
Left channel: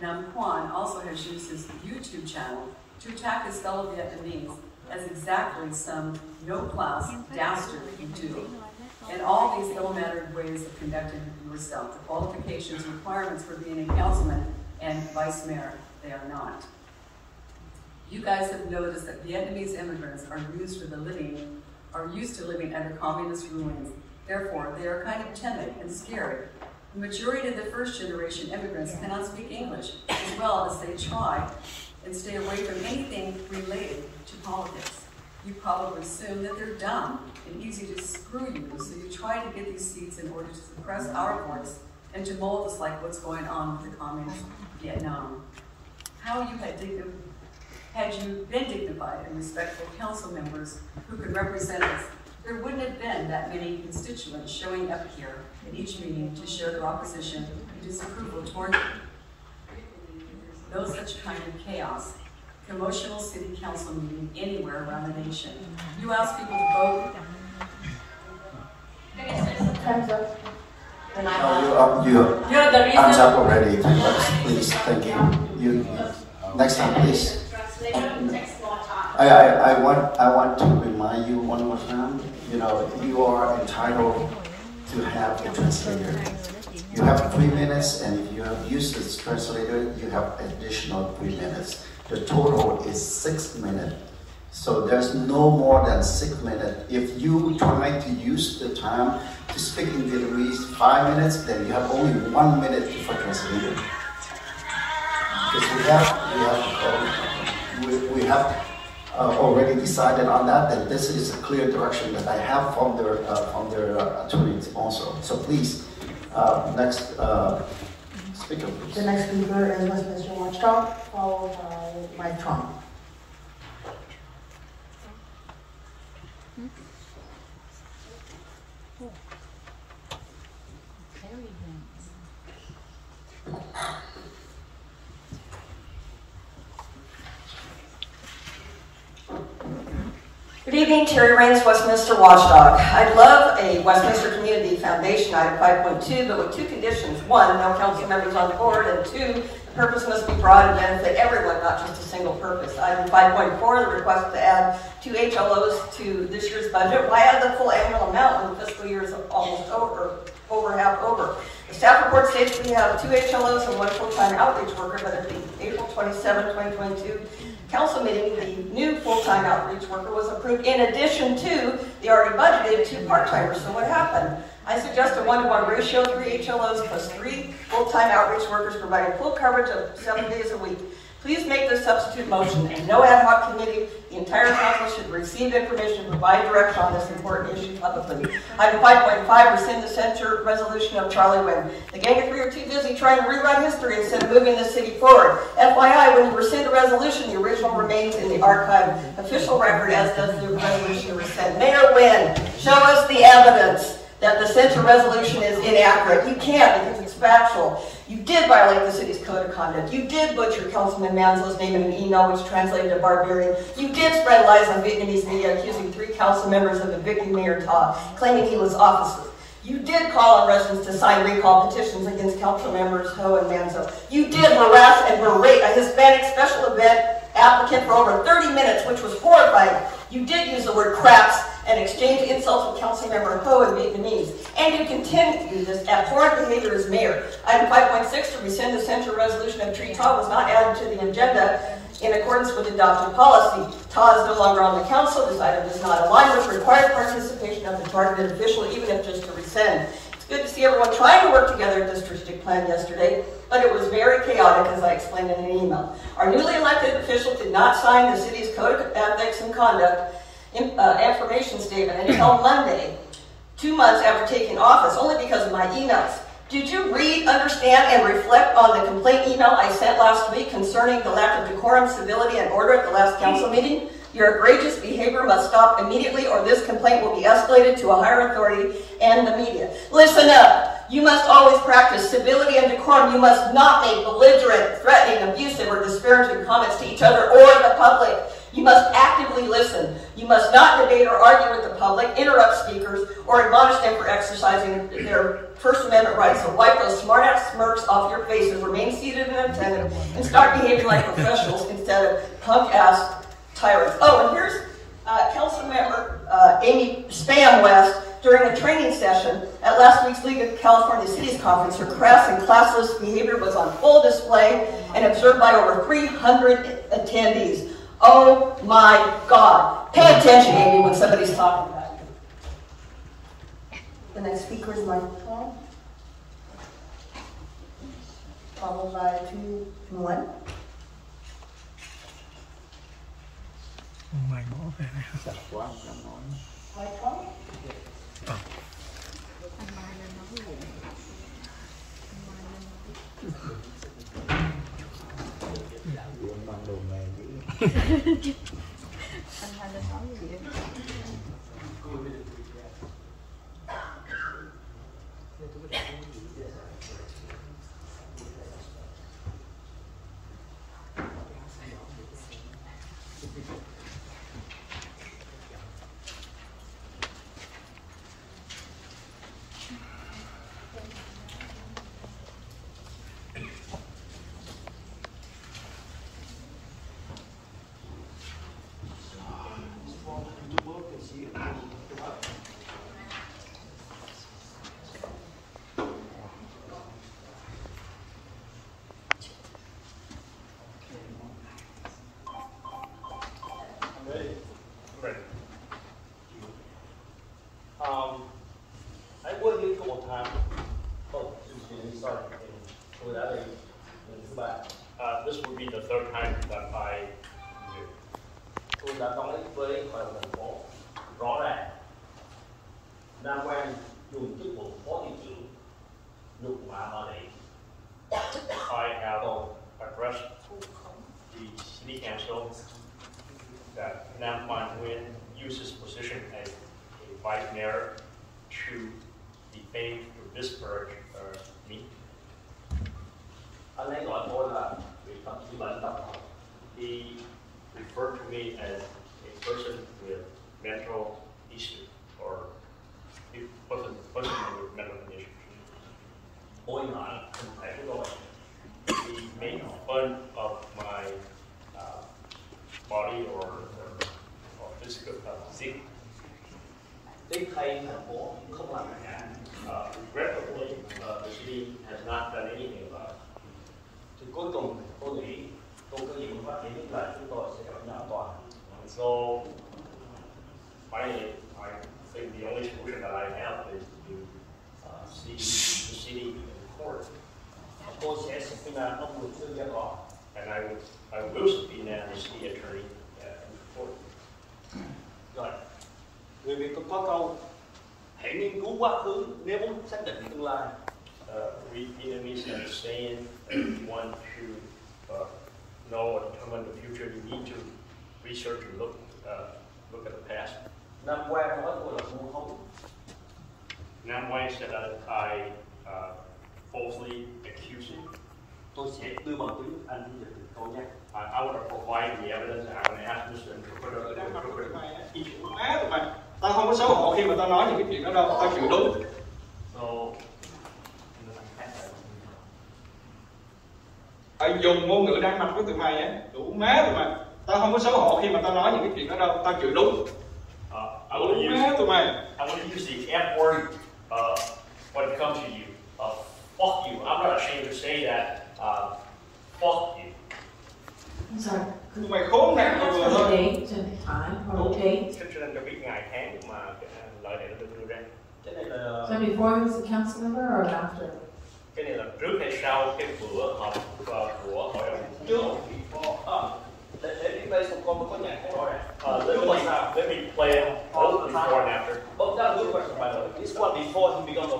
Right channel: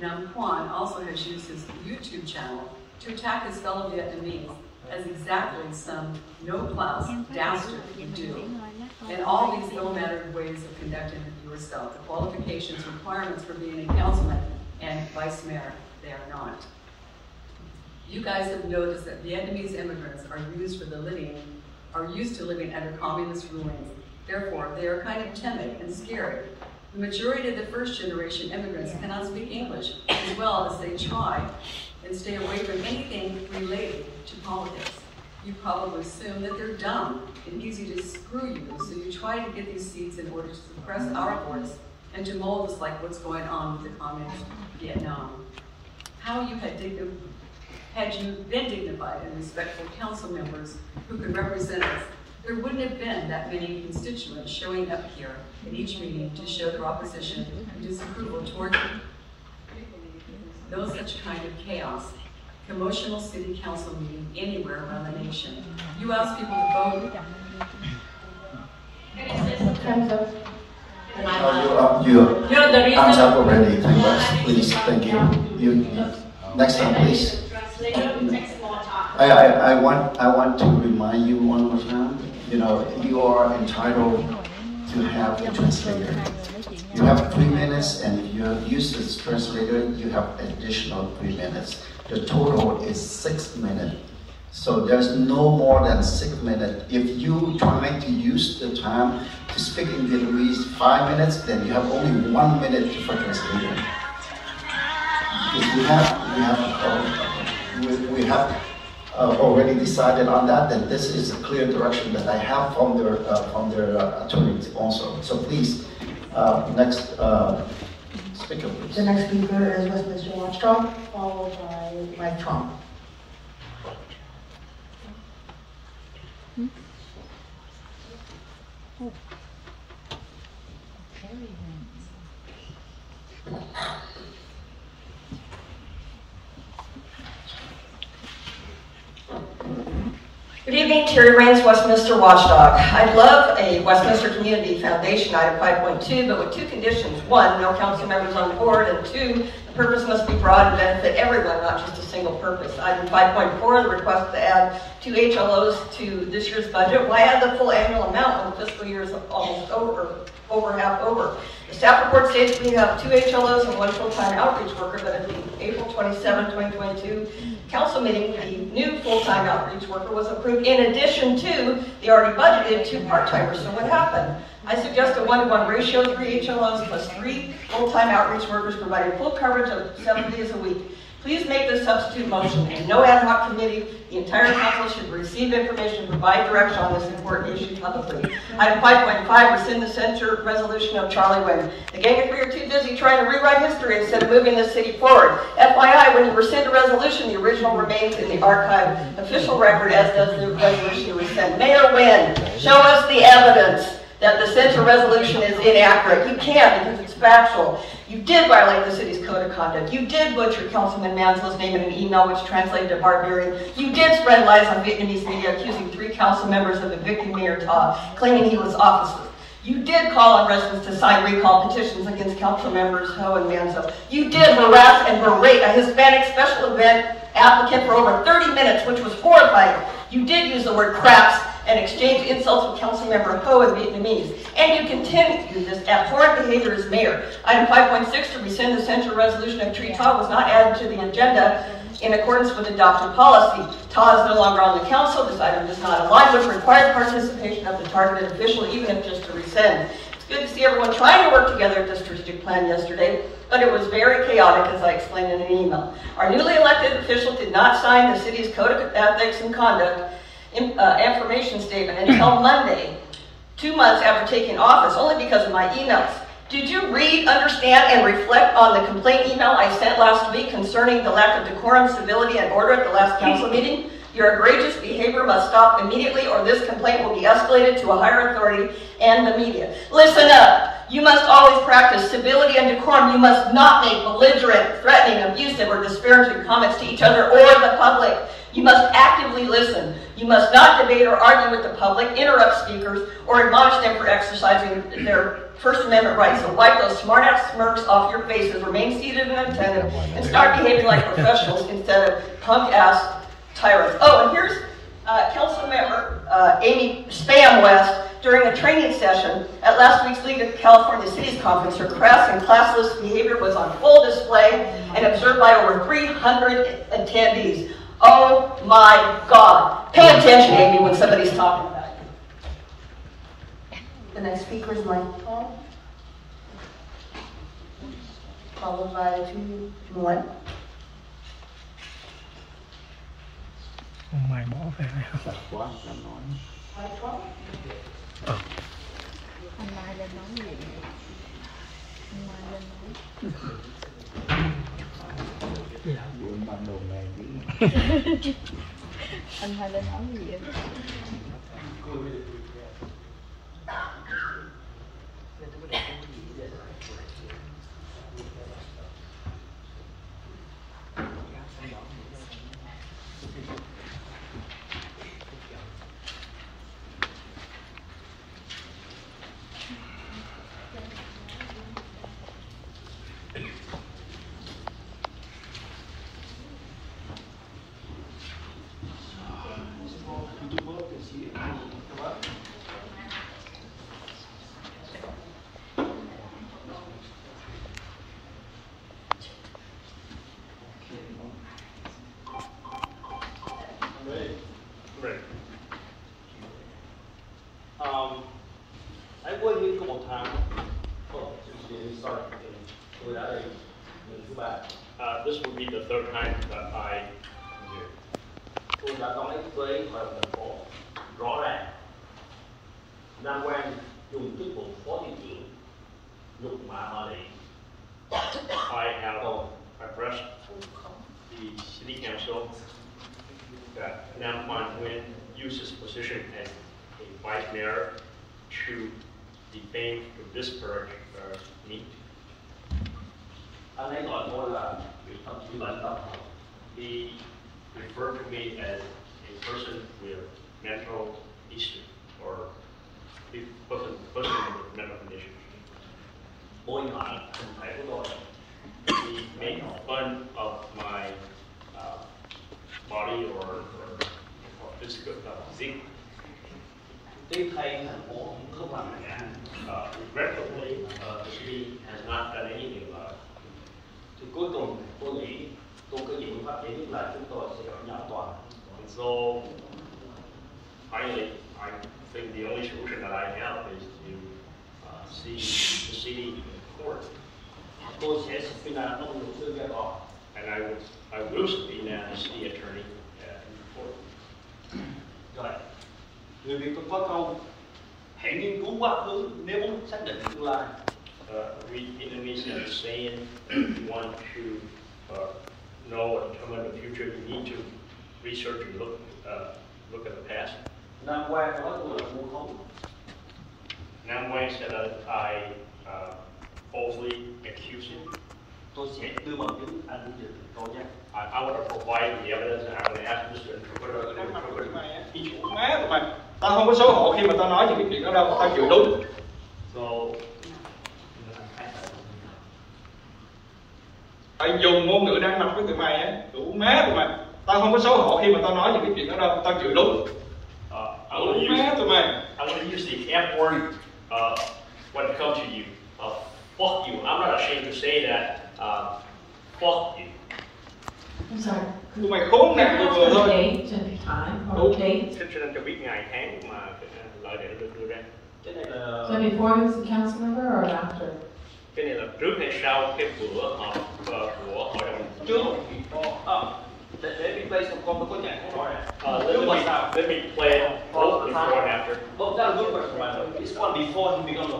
Nam Quan also has used his YouTube channel to attack his fellow Vietnamese as exactly some no-class dastard would do. In all these ill-mannered ways of conducting yourself, the qualifications, requirements for being a councilman and vice mayor, they are not. You guys have noticed that Vietnamese immigrants are used to living under communist rulings. Therefore, they are kind of timid and scared. The majority of the first-generation immigrants cannot speak English, as well as they try and stay away from anything related to politics. You probably assume that they're dumb and easy to screw you, so you try to get these seats in order to suppress our voice and to mold us like what's going on with the communist Vietnam. How you had you been dignified and respectful council members who could represent us, there wouldn't have been that many constituents showing up here at each meeting to show their opposition and disapproval toward you. No such kind of chaos, commotional city council meeting anywhere around the nation. You ask people to vote. Time's up already. Please, thank you. Next time, please. I want to remind you one more time. You are entitled to have a translator. You have 3 minutes, and if you use this translator, you have additional 3 minutes. The total is 6 minutes. So there's no more than 6 minutes. If you try to use the time to speak in Vietnamese 5 minutes, then you have only 1 minute for translating. Because we have already decided on that, and this is a clear direction that I have from their attorneys also. So please, next speaker, please. The next speaker is Westminster Watchdog, followed by Mike Trump. Good evening, Terry Raines, Westminster Watchdog. I'd love a Westminster Community Foundation item 5.2, but with 2 conditions. 1, no council members on the board, and 2, the purpose must be broad and benefit everyone, not just a single purpose. Item 5.4, the request to add 2 HLOs to this year's budget. Why add the full annual amount when the fiscal year is almost over half over? The staff report states we have 2 HLOs and 1 full-time outreach worker, but at the April 27, 2022 council meeting, the new full-time outreach worker was approved in addition to the already budgeted 2 part-timers. So what happened? I suggest a 1-to-1 ratio, 3 HLOs plus 3 full-time outreach workers providing full coverage of 7 days a week. Please make this substitute motion, and no ad hoc committee. The entire council should receive information and provide direction on this important issue publicly. Item 5.5, rescind the censure resolution of Charlie Wynn. The gang of three are too busy trying to rewrite history instead of moving this city forward. FYI, when you rescind a resolution, the original remains in the archive official record, as does the resolution you rescind. Mayor Wynn, show us the evidence that the censure resolution is inaccurate. You can't because it's factual. You did violate the city's code of conduct. You did butcher Councilman Manzo's name in an email which translated to barbarian. You did spread lies on Vietnamese media accusing 3 council members of evicting Mayor Ta, claiming he was officer. You did call on residents to sign recall petitions against council members Ho and Manzo. You did harass and berate a Hispanic special event applicant for over 30 minutes, which was horrifying. You did use the word craps and exchange insults with Councilmember Ho in Vietnamese. And you continue this abhorrent behavior as mayor. Item 5.6, to rescind the censure resolution of Tree Ta was not added to the agenda in accordance with adopted policy. Ta is no longer on the council. This item does not align with required participation of the targeted official, even if just to rescind. It's good to see everyone trying to work together at this district plan yesterday, but it was very chaotic, as I explained in an email. Our newly elected official did not sign the city's code of ethics and conduct information statement until Monday, 2 months after taking office, only because of my emails. Did you read, understand, and reflect on the complaint email I sent last week concerning the lack of decorum, civility, and order at the last council meeting? Your egregious behavior must stop immediately, or this complaint will be escalated to a higher authority and the media. Listen up. You must always practice civility and decorum. You must not make belligerent, threatening, abusive, or disparaging comments to each other or the public. You must actively listen. You must not debate or argue with the public, interrupt speakers, or admonish them for exercising their First Amendment rights. So wipe those smart-ass smirks off your faces, remain seated and attentive, and start behaving like professionals instead of punk-ass tyrants. Oh, and here's Councilmember Amy Spam West during a training session at last week's League of California Cities Conference. Her crass and classless behavior was on full display and observed by over 300 attendees. Oh my God. Pay attention, Amy, when somebody's talking about you. The next speaker is Mike Paul, followed by June. Mày bỏ về Sợ quá sao nói. Mike Paul. Anh Mai lên nói gì? Anh Mai lên nói Chuyện mặc đồ nghề gì? anh Mai lên nói gì vậy? tôi đã nói với hội đồng thành phố rõ ràng Nam Quang dùng chức vụ phó thị trưởng nhục mạ bà Lệ. I have addressed the city council that Nam Quang Nguyen uses position as a vice mayor to defame, to disparage me. Anh ấy gọi tôi là vị thậm chí bệnh tâm. He referred to me as a person with mental issue or a person with mental condition. Bôi nhọ hình thể của tôi. He made fun of my body or physical physique. Tiếc thay thành phố không làm gì cả. Regrettably, the city has not done anything about it. Thì cuối cùng tôi nghĩ tôi có gì cũng phát triển là chúng tôi sẽ gặp nhau tòa. And so finally, I think the only solution that I have is to see the city in court. Tôi sẽ subpoena ông luật sư ra tòa. And I will subpoena the city attorney in court. Rồi, người Việt tôi có câu hãy nghiên cứu quá khứ nếu muốn xác định tương lai. We Vietnamese have a saying that if you want to know or determine the future, you need to research and look at the past. Nam Quang nói tôi là vu khống. Nam Quang said that I falsely accused him. Tôi sẽ đưa bằng chứng anh đưa được câu nhé. I want to provide the evidence and I'm going to ask Mr. Interpreter. Đi chủ má tụi mày. Tao không có xấu hổ khi mà tao nói những cái chuyện đó đâu, tao chịu đúng. So, Phải dùng ngôn ngữ đăng mặt với tụi mày á, đủ má tụi mày. Tao không có xấu hổ khi mà tao nói những cái chuyện đó đâu, tao chịu đúng. Đủ má tụi mày. I'm going to use the F word when it comes to you. Fuck you. I'm not ashamed to say that. Fuck you. I'm sorry. Tụi mày khốn nạn vừa vừa thôi. Xin cho biết ngày tháng mà lời này nó được đưa ra. Cái này là... So before he was a council member or after? Cái này là trước hay sau cái bữa họp của hội đồng? Trước. Để mình play some con có nhạc không? Let me play it both before and after. Both that's a good question, by the way. This one before he became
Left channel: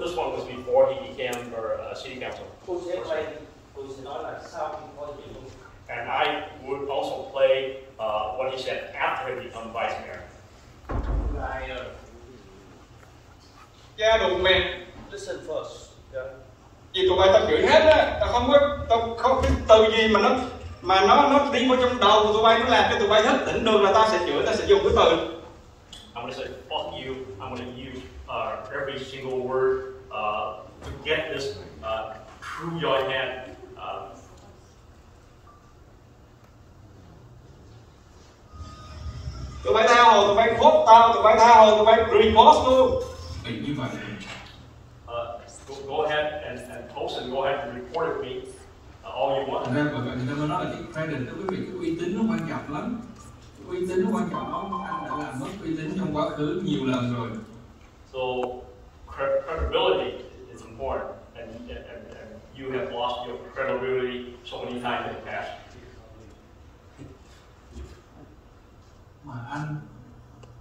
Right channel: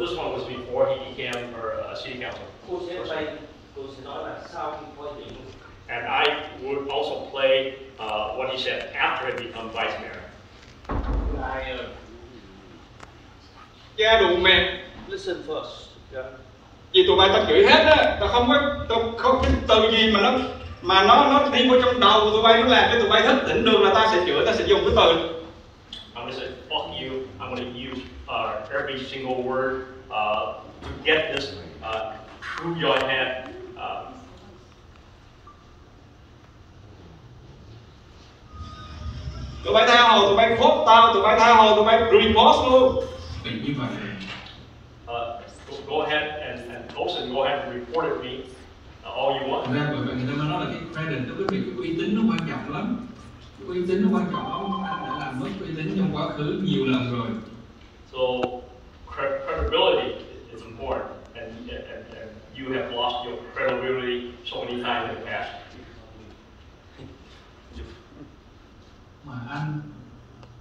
this one was before he became a city council. Tôi sẽ play, tôi sẽ nói là sau khi có chuyện. And I would also play what he said after he became vice mayor. Cha đụng mẹ. Listen first. Yeah. Vì tụi bay tao chửi hết á, tao không biết từ gì mà nó đi vào trong đầu tụi bay, nó làm cho tụi bay thức tỉnh được là tao sẽ chửi, tao sẽ dùng cái từ. I'm going to say fuck you. I'm going to use every single word to get this through your head. Tụi bay tha hồ, tụi bay phốt tao, tụi bay tha hồ, tụi bay report luôn. Vì như vậy. Go ahead and post and go ahead and report at me all you want. Ra bởi vậy người ta mới nói là cái credit đối với việc cái uy tín nó quan trọng lắm. Cái uy tín nó quan trọng lắm. Anh đã làm mất uy tín trong quá khứ nhiều lần rồi. So credibility is important, and you have lost your credibility so many times in the past. Mà anh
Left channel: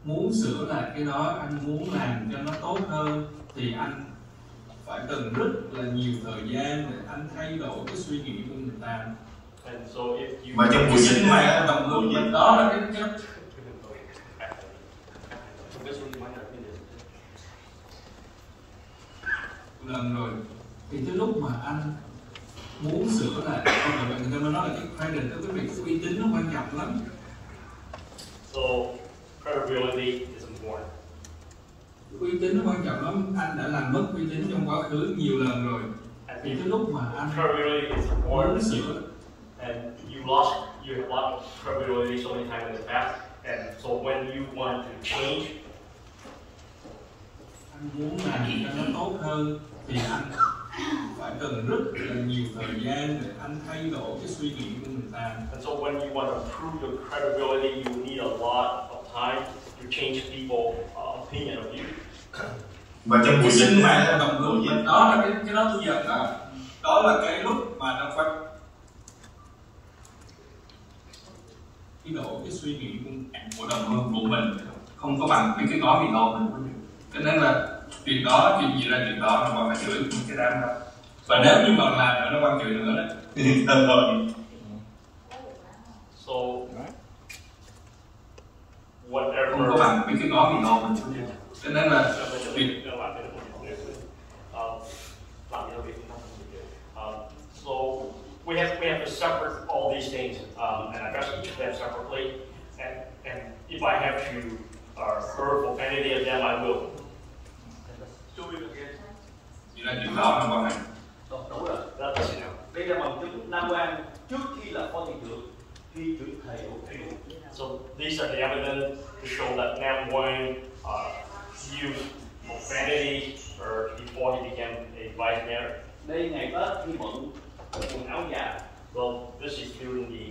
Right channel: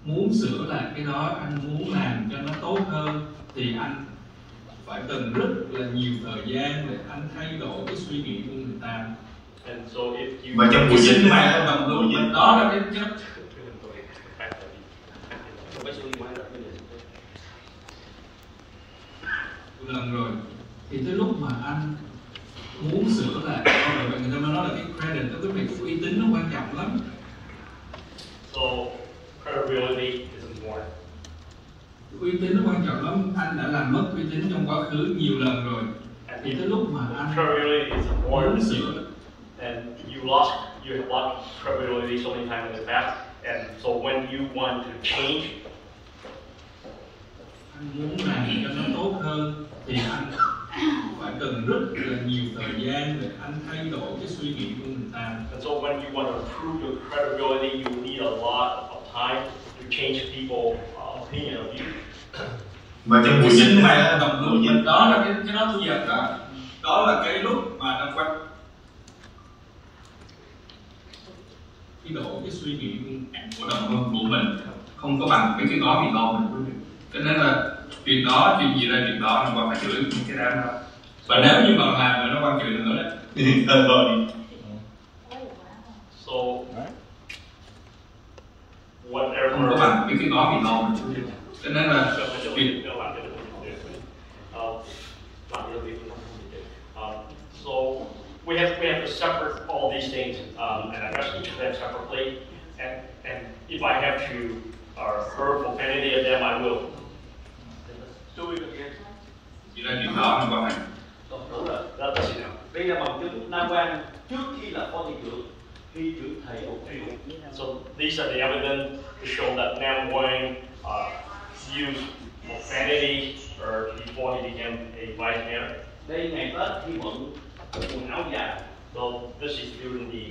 muốn sửa lại cái đó, anh muốn làm cho nó tốt hơn thì anh phải cần rất là nhiều thời gian để anh thay đổi cái suy nghĩ của người ta. And so if you và trong buổi sinh mạng đồng hương mình đó là cái lần rồi thì tới lúc mà anh muốn sửa lại, bởi vậy người ta mới nói là cái credit đối với việc cái uy tín nó quan trọng lắm. So credibility is important. Uy tín nó quan trọng lắm, anh đã làm mất uy tín trong quá khứ nhiều lần rồi. Thì tới lúc mà anh muốn sửa, and you have lost credibility so many times in the past, and so when you want to change, anh muốn làm cho nó tốt hơn thì anh phải cần rất là nhiều thời gian để anh thay đổi cái suy nghĩ của người ta. And so when you want to improve your credibility, you need a lot of time to change people's opinion of you. Và trong buổi sinh mạng đồng hương mình đó là cái đó tôi giật đó, đó là cái lúc mà nó quan cái độ cái suy nghĩ của đồng hương của mình không có bằng mấy cái gói mì tôm mình quý vị. Cho nên là chuyện đó, chuyện gì ra chuyện đó là còn phải chửi những cái đám đó. Và nếu như mà làm mà nó quan chửi nữa đấy thì thôi. So whatever. Không có bằng mấy cái gói mì tôm mình quý vị. Cho nên là chuyện so we have to separate all these things and address each of them separately. And if I have to hurtful any of them, I will. Chỉ là chuyện đó nó quan hệ. Đúng rồi. Đây là bằng chứng Nam Quang trước khi là phó thị trưởng, khi trưởng thầy ủng hộ. So these are the evidence to show that Nam Quang used profanity before he became a vice mayor. Đây ngày Tết khi bận quần áo dài. So this is during the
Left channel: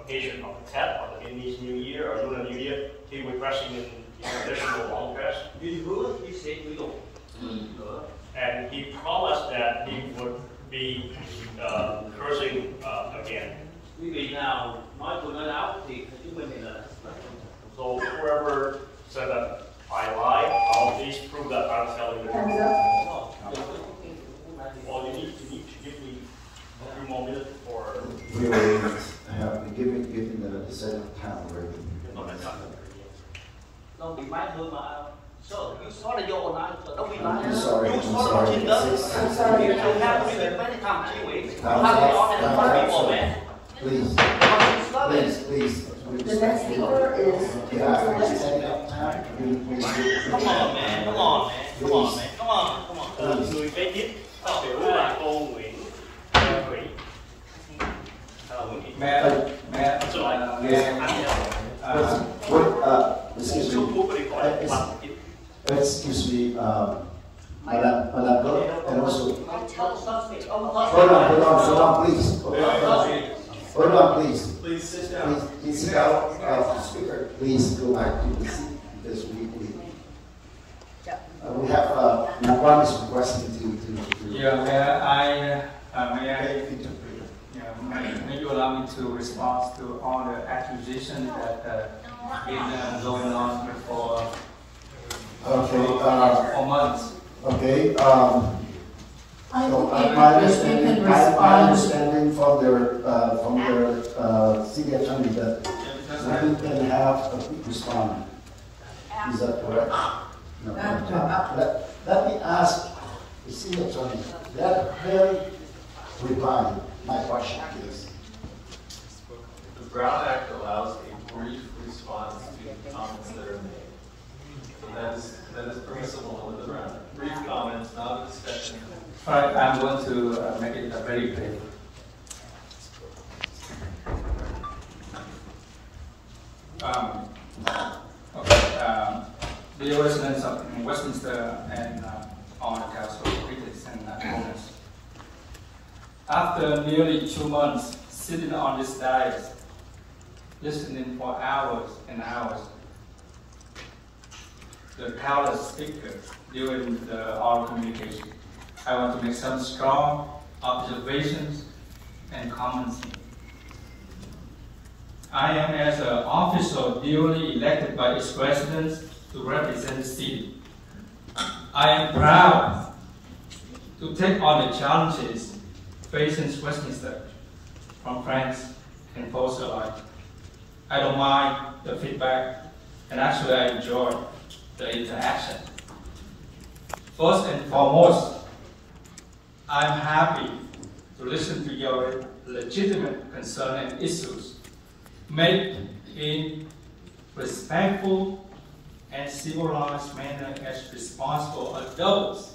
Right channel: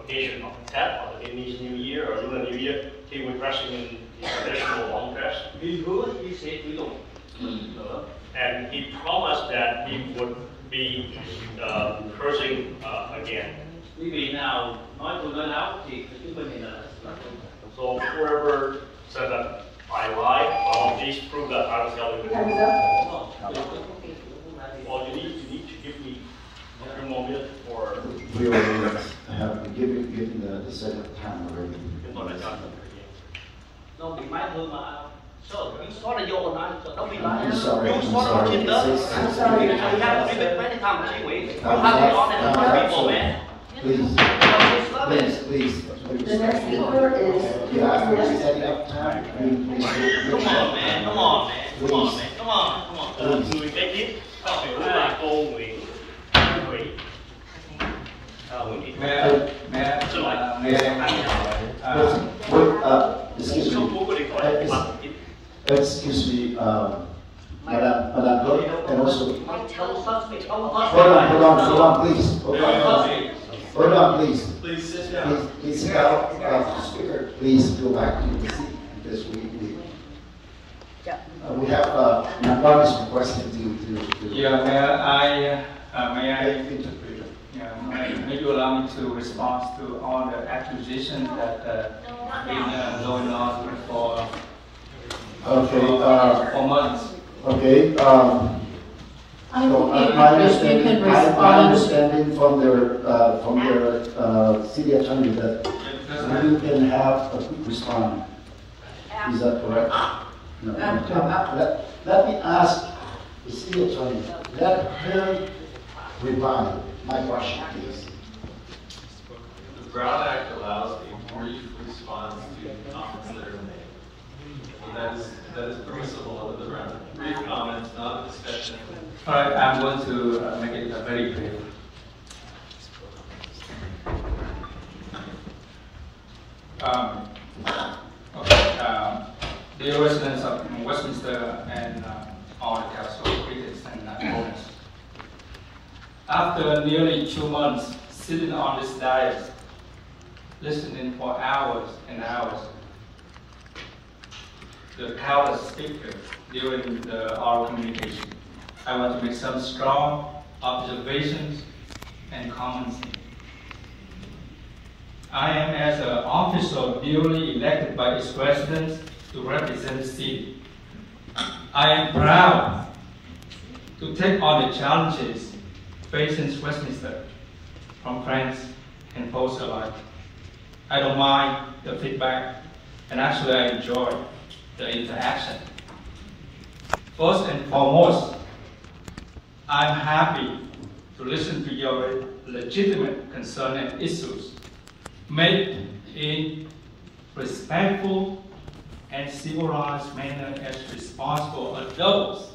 occasion of Tet or the Chinese New Year or Lunar New Year. He was dressing in his traditional long dress. He hứa he sẽ chửi tục. And he promised that he would be cursing again. Quý vị nào nói tôi nói láo thì chứng minh thì là. So whoever said that I lied, well, please prove that I was telling the truth. Well, you need to give me a few more minutes for. We already have given the set of time already. Don't be my home. So you saw the your own answer. Don't be lying. I'm sorry. You saw the agenda. I'm sorry. You have to be many times. You have to be on and on people, man. Please. The next speaker is. You asked for a set up time. Come on, man. Come on. Người kế tiếp phát biểu là cô Nguyễn Thủy. Excuse me, Madam Clerk, and also. Hold on, please. Hold on, please. Please sit down. Please sit down. Speaker, please go back to the seat because we have one is requesting to. Yeah, may you allow me to respond to all the accusations that been going on for months. Okay. My understanding from their city attorney that you can have a quick response. Is that correct? No. Let me ask the city attorney. Let her reply my question, please. The Brown Act allows a brief response to comments that are made. So that is permissible under the Brown Act. Brief comments, not a discussion. All right, I'm going to make it very brief. Dear residents of Westminster and all the council critics and owners, after nearly 2 months sitting on this dais, listening for hours and hours, the countless speakers during the oral communication, I want to make some strong observations and comments. I am as an official duly elected by its residents to represent the city. I am proud to take on the challenges facing Westminster from friends and foes alike. I don't mind the feedback, and actually I enjoy the interaction. First and foremost, I'm happy to listen to your legitimate concern and issues made in respectful and civilized manner as responsible adults.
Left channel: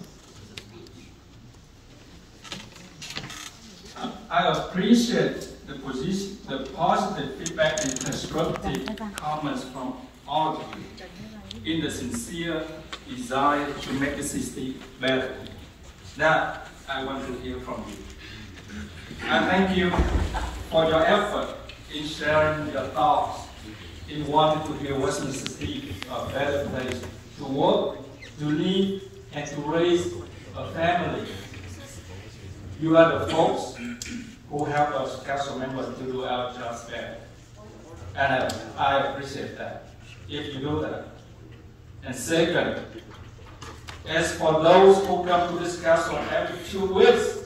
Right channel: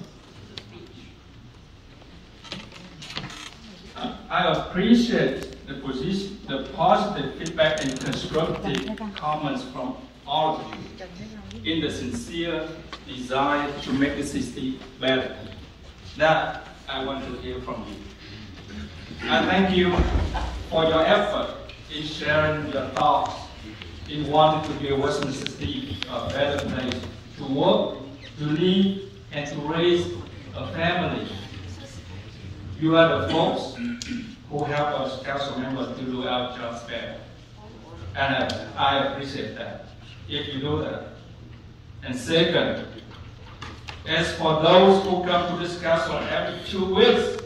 I appreciate the positive feedback and constructive comments from all of you in the sincere desire to make the city better. That I want to hear from you. I thank you for your effort in sharing your thoughts in wanting to build Westminster City a better place to work, to live, and to raise a family. You are the folks who help us council members to do our jobs better. And I appreciate that, if you do that. And second, as for those who come to this council every 2 weeks,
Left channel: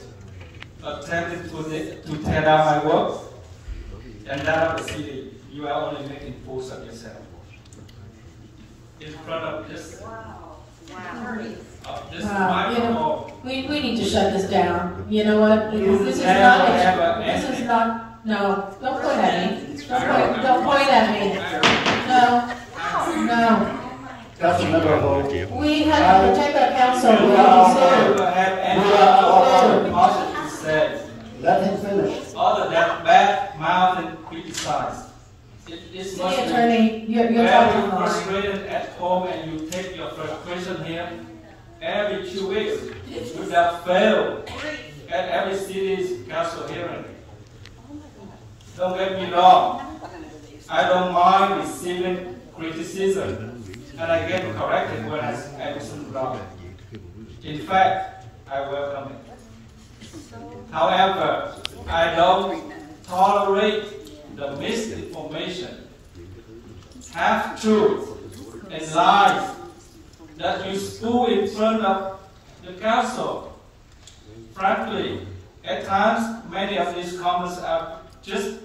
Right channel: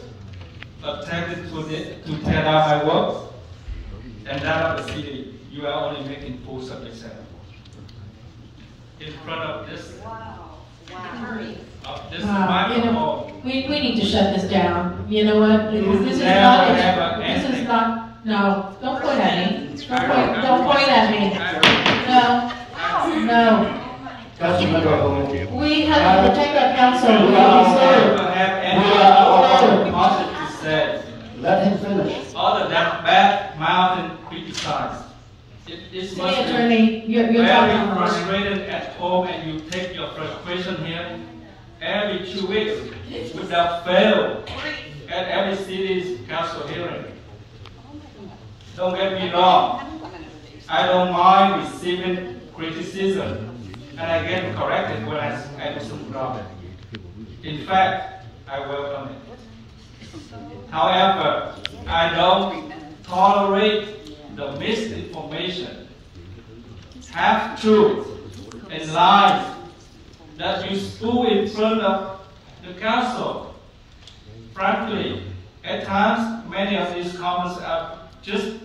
attempting to tear down my work, and that of the city, you are only making fools of yourself. In front of this, microphone. We need to shut this down. You know what? This is not, no, don't point at me. Don't point at me. No. We have to protect our council. We don't have any positive to say. Let him finish. Other than bad mouth and criticize. It must be Attorney, you're very frustrated at home, and you take your frustration here every 2 weeks without fail at every city's council hearing. Don't get me wrong. I don't mind receiving criticism, and I get corrected when I do something wrong. In fact, I welcome it. However, I don't tolerate the misinformation, half-truth, and lies that you spew in front of the council. Frankly, at times, many of these comments are just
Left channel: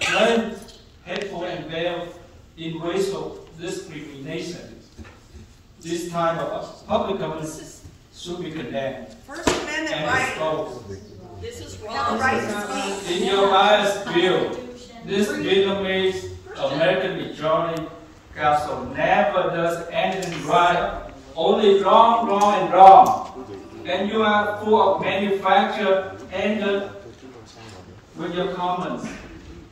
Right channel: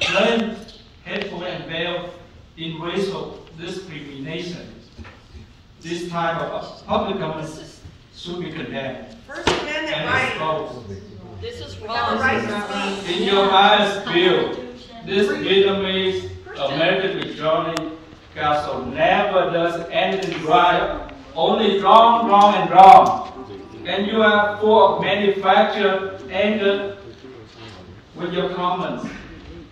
plain hateful and veiled in racial discrimination. This type of public comments should be condemned and exposed. This is wrong. In your highest view, this Vietnamese American Majority Council never does anything right, only wrong, and wrong. And you are full of manufactured anger with your comments.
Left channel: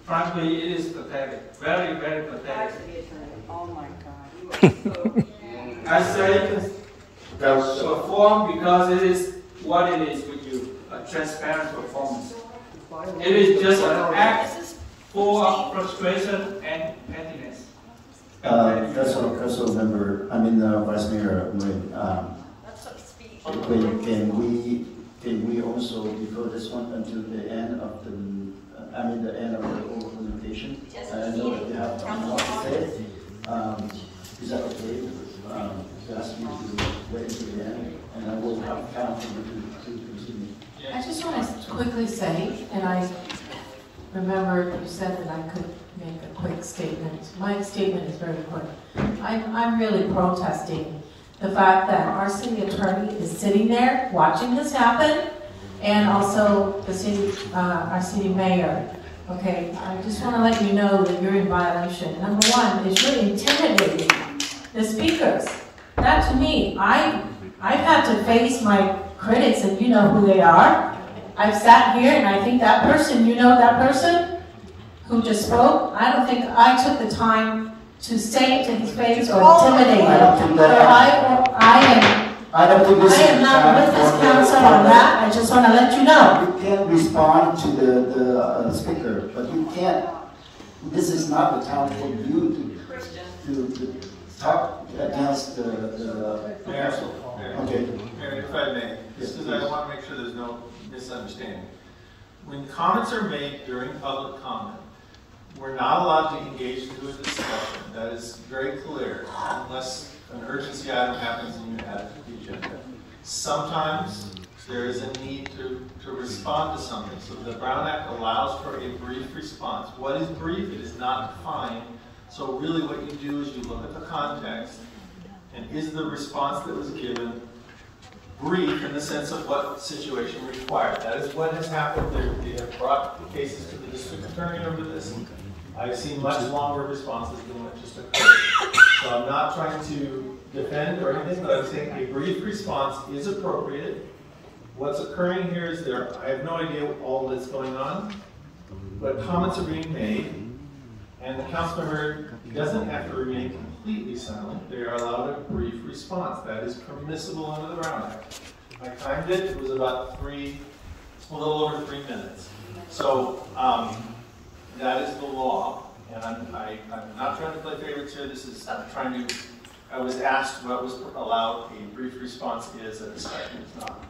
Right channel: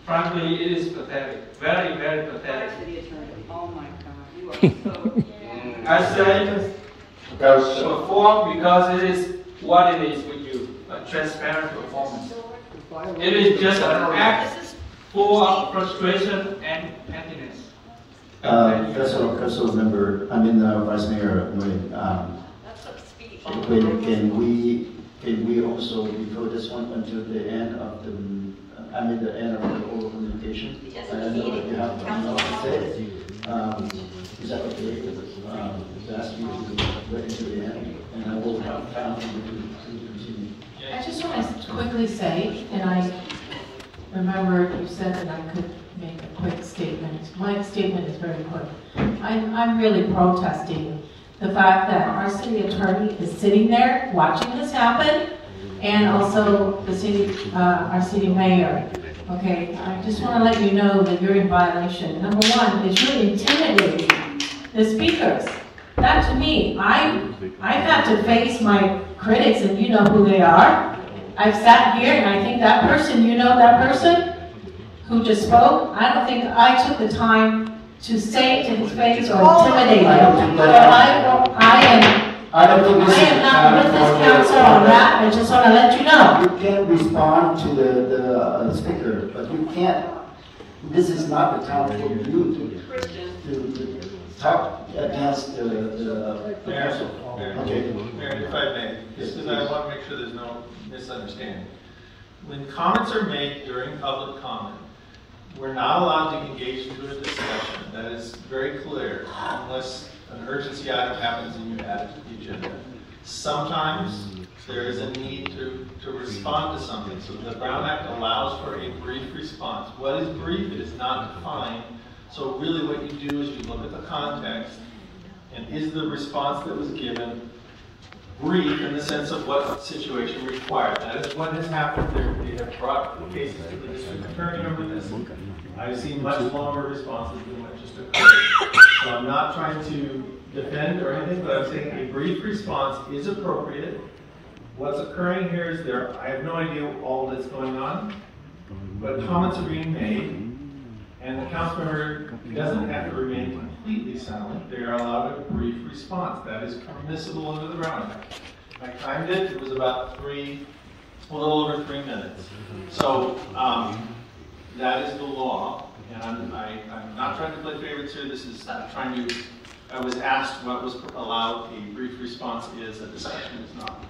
Frankly, it is pathetic. Very, very pathetic. Oh my God, you are so... I say perform because it is what it is with you, a transparent performance. It is just an act full of frustration and pettiness. Council member, Vice Mayor, can we also defer this one until the end of the end of the oral communication? I know that you have more to say. Is that okay? To ask you to wait until the end, and I will have time for you to continue. I just want to quickly say, and I remembered you said that I could make a quick statement. My statement is very quick. I'm really protesting the fact that our city attorney is sitting there watching this happen, and also the city, our city mayor. Okay, I just want to let you know that you're in violation. Number one is you're intimidating the speakers. Not to me. I've had to face my critics, and you know who they are. I've sat here, and I think that person, you know that person who just spoke? I don't think I took the time to say it to his face or intimidate him. I don't think this I am not with this council on that. I just want to let you know. You can respond to the speaker, but you can't. This is not the time for you to talk against the council. Okay. Mayor, if I may, because I want to make sure there's no misunderstanding. When comments are made during public comment, we're not allowed to engage into a discussion. That is very clear, unless an urgency item happens and you add it to the agenda. Sometimes there is a need to respond to something. So the Brown Act allows for a brief response. What is brief? It is not defined. So really what you do is you look at the context, and is the response that was given brief in the sense of what situation required. That is what has happened. We have brought cases to the district attorney over this. I've seen much longer responses than what just occurred. So I'm not trying to defend or anything, but I'm saying a brief response is appropriate. What's occurring here is I have no idea all that's going on, but comments are being made, and the council member doesn't have to remain completely silent. They are allowed a brief response. That is permissible under the Brown Act. I timed it. It was about a little over 3 minutes. So that is the law, and I'm not trying to play favorites here. This is trying to. I was asked what was allowed. A brief response is. A discussion is not.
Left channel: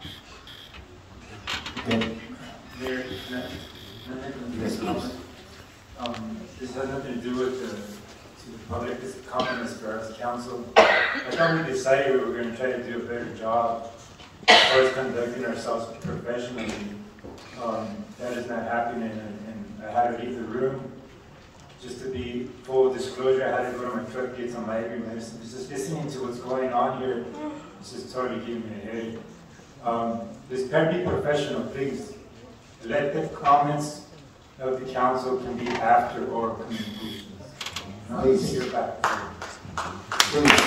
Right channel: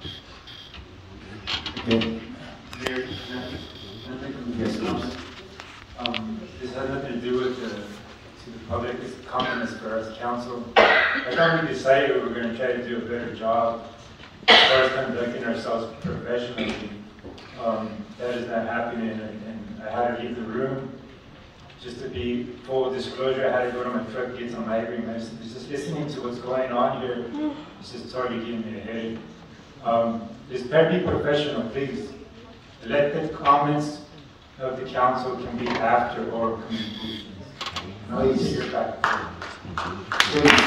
Okay. Very, Yes, This has nothing to do with the public. It's confidence for us, council. I thought we decided we were going to try to do a better job as far as conducting ourselves professionally. That is not happening, and I had to leave the room. Just to be full disclosure, I had to go to my truck, get some migraine medicine. Just listening to what's going on here, it's just totally giving me a headache. Just try to be professional, please. Let the comments of the council can be after or conclusions. Please. Take your back. Please.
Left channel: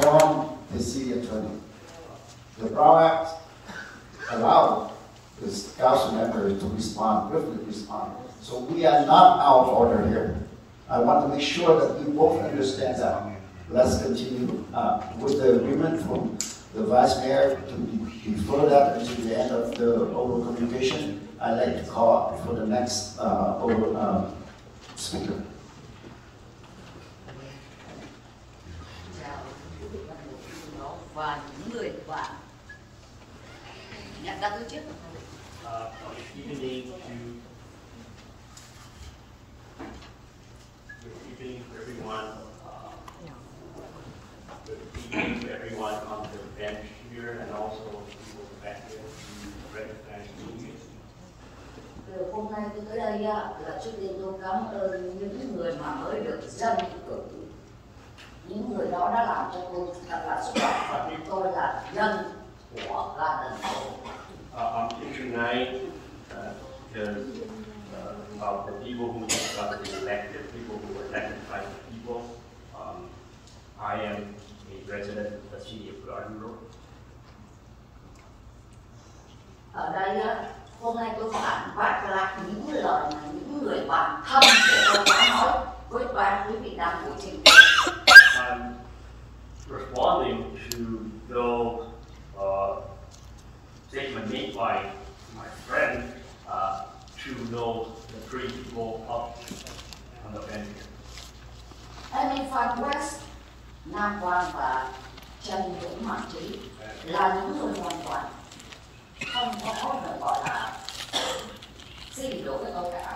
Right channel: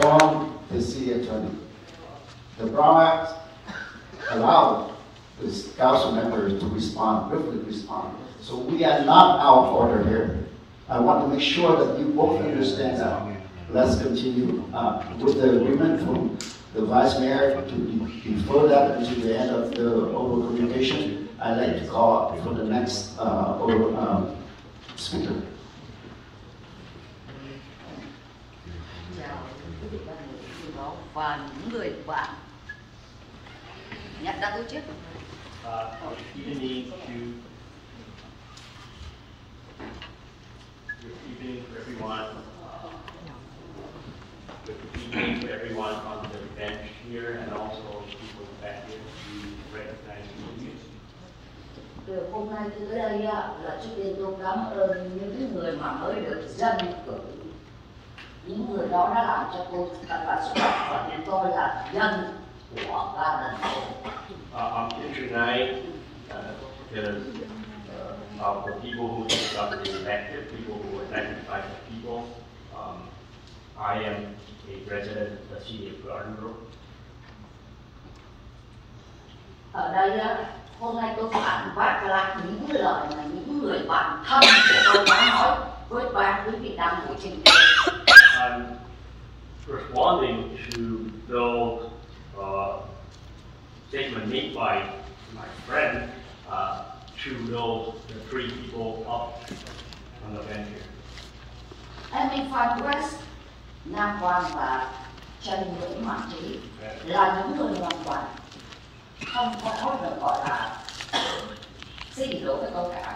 From the city attorney. The Brown Act allowed the council members to respond, briefly respond. So we are not out of order here. I want to make sure that you both understand that. Let's continue with the agreement from the Vice Mayor to defer that until the end of the oral communication. I'd like to call up for the next oral speaker. Và những người bạn nhận ra tôi trước. Evening to everyone. Good evening to everyone on the bench here, and also people back here to recognize you. Hôm nay tôi tới đây là trước tiên tôi cảm ơn những người mà mới được dân cử. Những người đó đã làm cho tôi thật là xúc động, và tôi là dân của gia đình tôi. I'm here tonight because of the people who got elected, people who were elected by the people. I am a resident of the city of Garden Grove. Ở đây hôm nay tôi phản bác lại những lời mà những người bạn thân của tôi đã nói với ban quý vị đang ngồi trên kia. I'm responding to those statements made by my friend to those the three people up on the bench here. Em Phan West, Nam Quang và Trần Nguyễn Mạnh Trí là những người hoàn toàn không có được gọi là xin lỗi với tôi cả.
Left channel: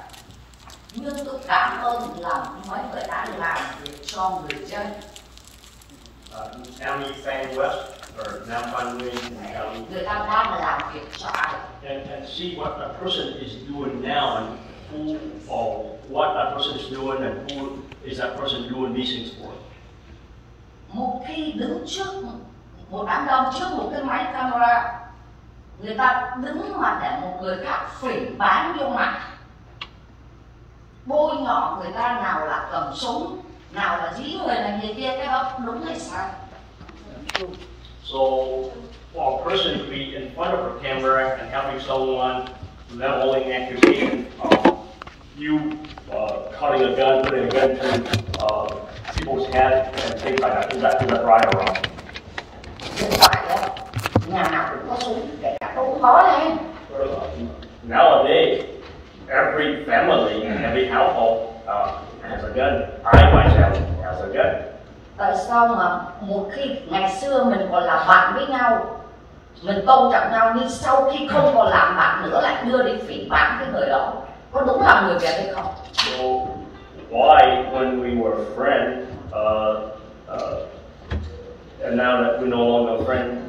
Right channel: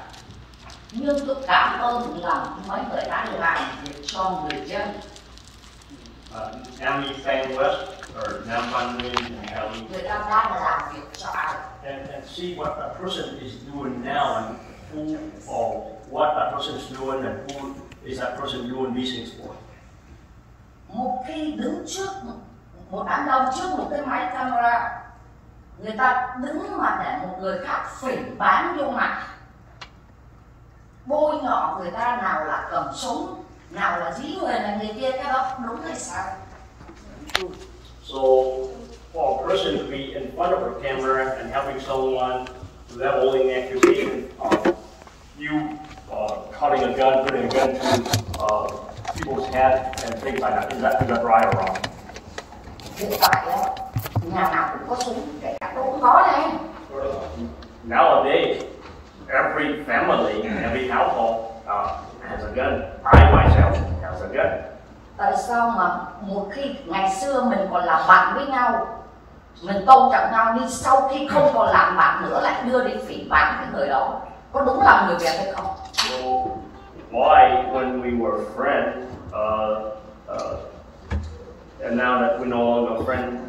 Nhưng tôi cảm ơn lòng mấy người đã làm việc cho người dân. Amy Fan West or Nam Phan Nguyen and Kelly. Người ta đang làm việc cho ai? And see what a person is doing now, and who or what a person is doing, and who is that person doing these things for. Một khi đứng trước một đám đông, trước một cái máy camera, người ta đứng mà để một người khác phỉ báng vô mặt, bôi nhọ người ta, nào là cầm súng, nào là dí người này người kia, cái đó đúng hay sai? So for a person to be in front of a camera and having someone leveling accusation of you cutting a gun, putting a gun to people's head and things like that, is that right or wrong? Hiện tại nhà nào cũng có súng, kể cả tôi cũng có đấy. Nowadays, every family, every household has a gun. I myself has a gun. Tại sao mà một khi ngày xưa mình còn là bạn với nhau, mình tôn trọng nhau, nhưng sau khi không còn làm bạn nữa lại đưa đi phỉ báng cái người đó, có đúng là người Việt hay không? So why, when we were friends, and now that we're no longer friends,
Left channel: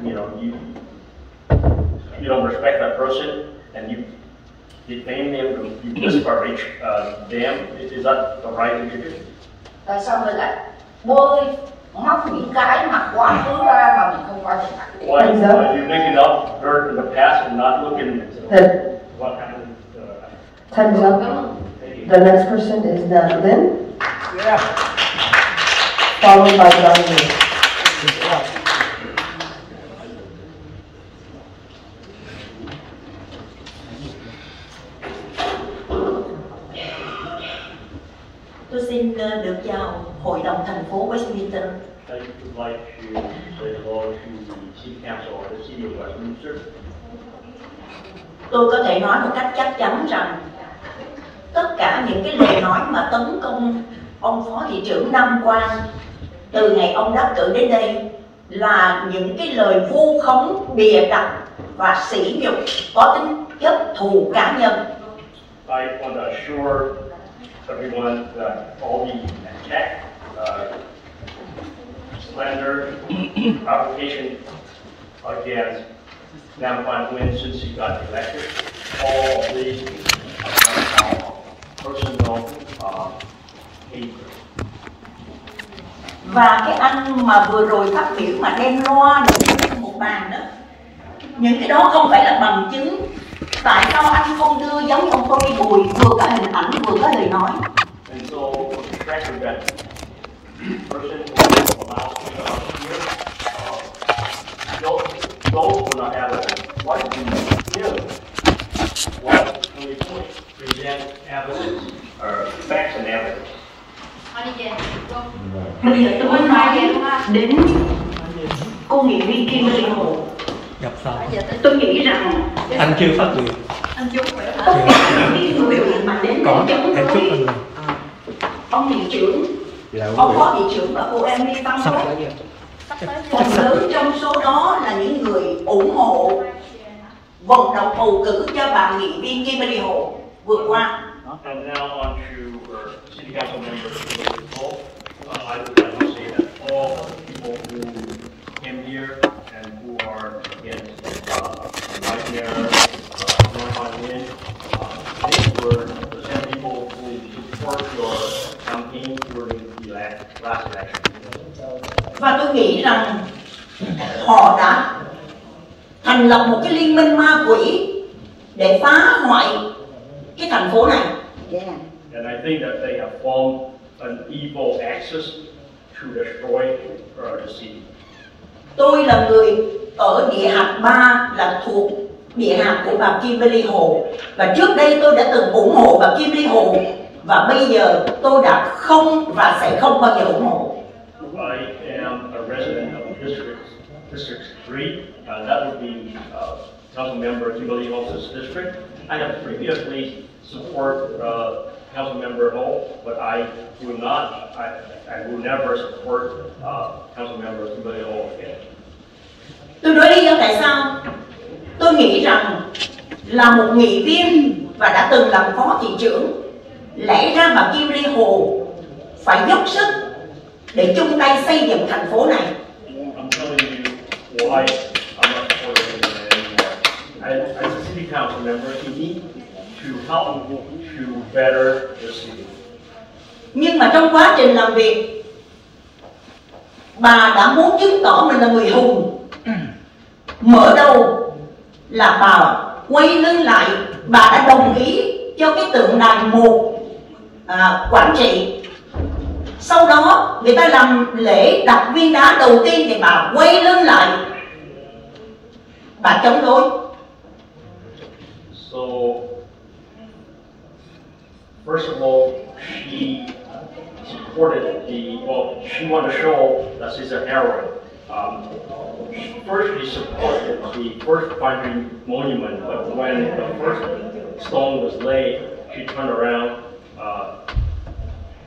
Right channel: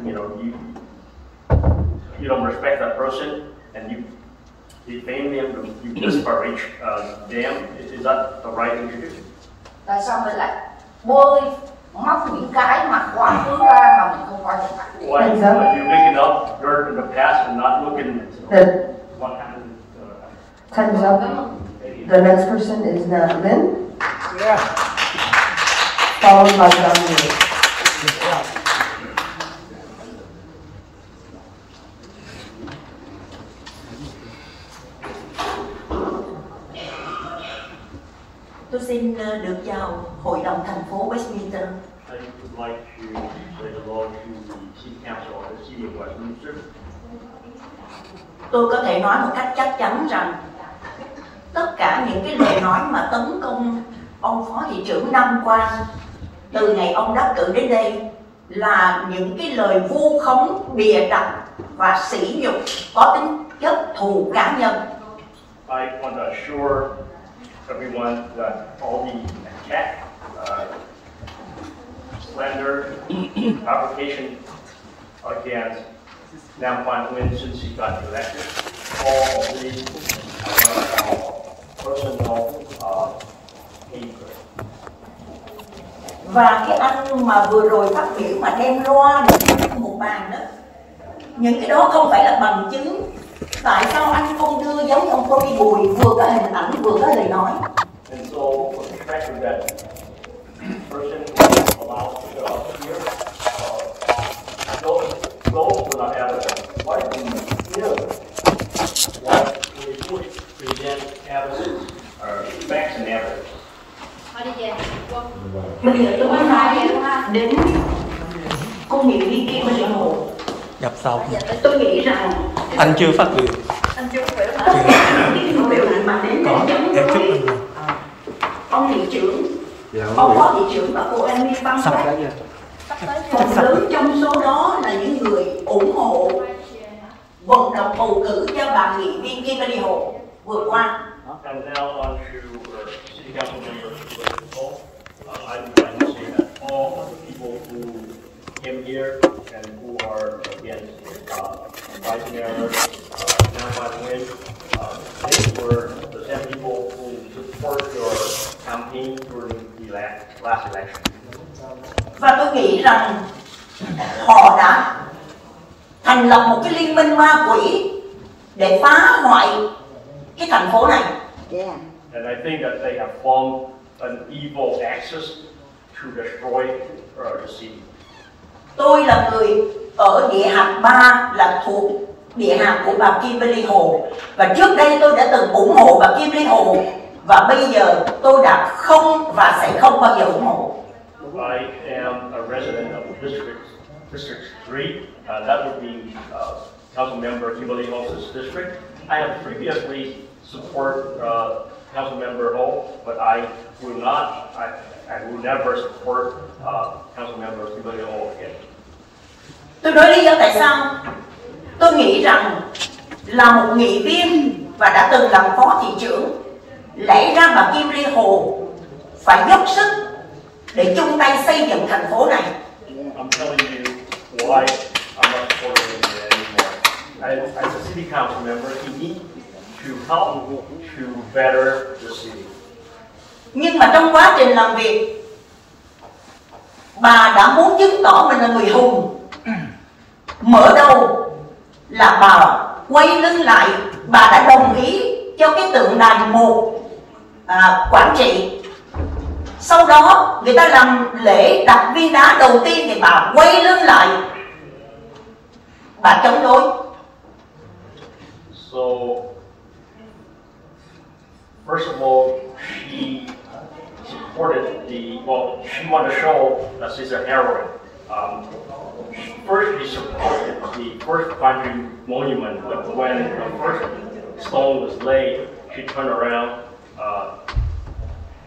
you don't respect that person, and you defame them, you disparage them. Is that the right thing to do? Tại sao mình lại bôi móc những cái mà quá khứ ra mà mình không coi được? Why are you making up dirt in the past and not looking at what happened? Time's up. The next person is Navin. Yeah. Followed by Dominic. Tôi xin được chào Hội đồng thành phố Westminster. I would like to say hello to the City Council of the City of Westminster. Tôi có thể nói một cách chắc chắn rằng tất cả những cái lời nói mà tấn công ông Phó Thị trưởng Nam Quang từ ngày ông đắc cử đến đây là những cái lời vu khống bịa đặt và sỉ nhục có tính chất thù cá nhân. I want to assure everyone that all the attack, slander, provocation against Nam Quan Nguyen since he got elected, all the personal hate. Và cái anh mà vừa rồi phát biểu mà đem loa lên một bàn đó, những cái đó không phải là bằng chứng. Tại sao anh không đưa giống ông Tony Bùi vừa có hình ảnh vừa có lời nói? And so the record that person who allows me to appear, those who not have evidence, why do you give what we present evidence or facts and evidence? Bây giờ tôi muốn nói đến cô nghị viên Kimberly Hồ. Nhập xong. Tôi nghĩ rằng Anh chưa phát biểu. anh chưa phát biểu mà đến có em chúc anh rồi. Ông hiệu trưởng, ông phó hiệu trưởng và cô em liên văn phần lớn trong số đó là những người ủng hộ vận động bầu cử cho bà nghị viên Kimberly Hồ vừa qua. And now on to City Council member Paul. I would like to say that all people who came here and who are against White Mayor Nam Quan Nguyen, they were the same people who support your campaign during the last election. Và tôi nghĩ rằng họ đã thành lập một cái liên minh ma quỷ để phá hoại cái thành phố này. And I think that they have formed an evil axis to destroy the city. Tôi là người ở địa hạt 3 là thuộc địa hạt của bà Kimberly Hồ, và trước đây tôi đã từng ủng hộ bà Kimberly Hồ, và bây giờ tôi đã không và sẽ không bao giờ ủng hộ. I am a resident of District 3. That would be Council Member Kimberly Ho's district. I have previously support Council Member Ho, but I will not. I will never support Council Member Kimberly Ho again. Tôi nói lý do tại sao. Tôi nghĩ rằng là một nghị viên và đã từng làm phó thị trưởng, lẽ ra bà Kimberly Hồ phải dốc sức để chung tay xây dựng thành phố này. I'm telling you why I'm not supporting him anymore. As a city council member, he needs to help to better the city. Nhưng mà trong quá trình làm việc, bà đã muốn chứng tỏ mình là người hùng. Mở đầu là bà quay lưng lại, bà đã đồng ý cho cái tượng đài một quản trị. Sau đó người ta làm lễ đặt viên đá đầu tiên thì bà quay lưng lại, bà chống đối. So first of all, she supported she wanted to show that she's a heroine. First, she supported the first Quang monument, but when the first stone was laid, she turned around.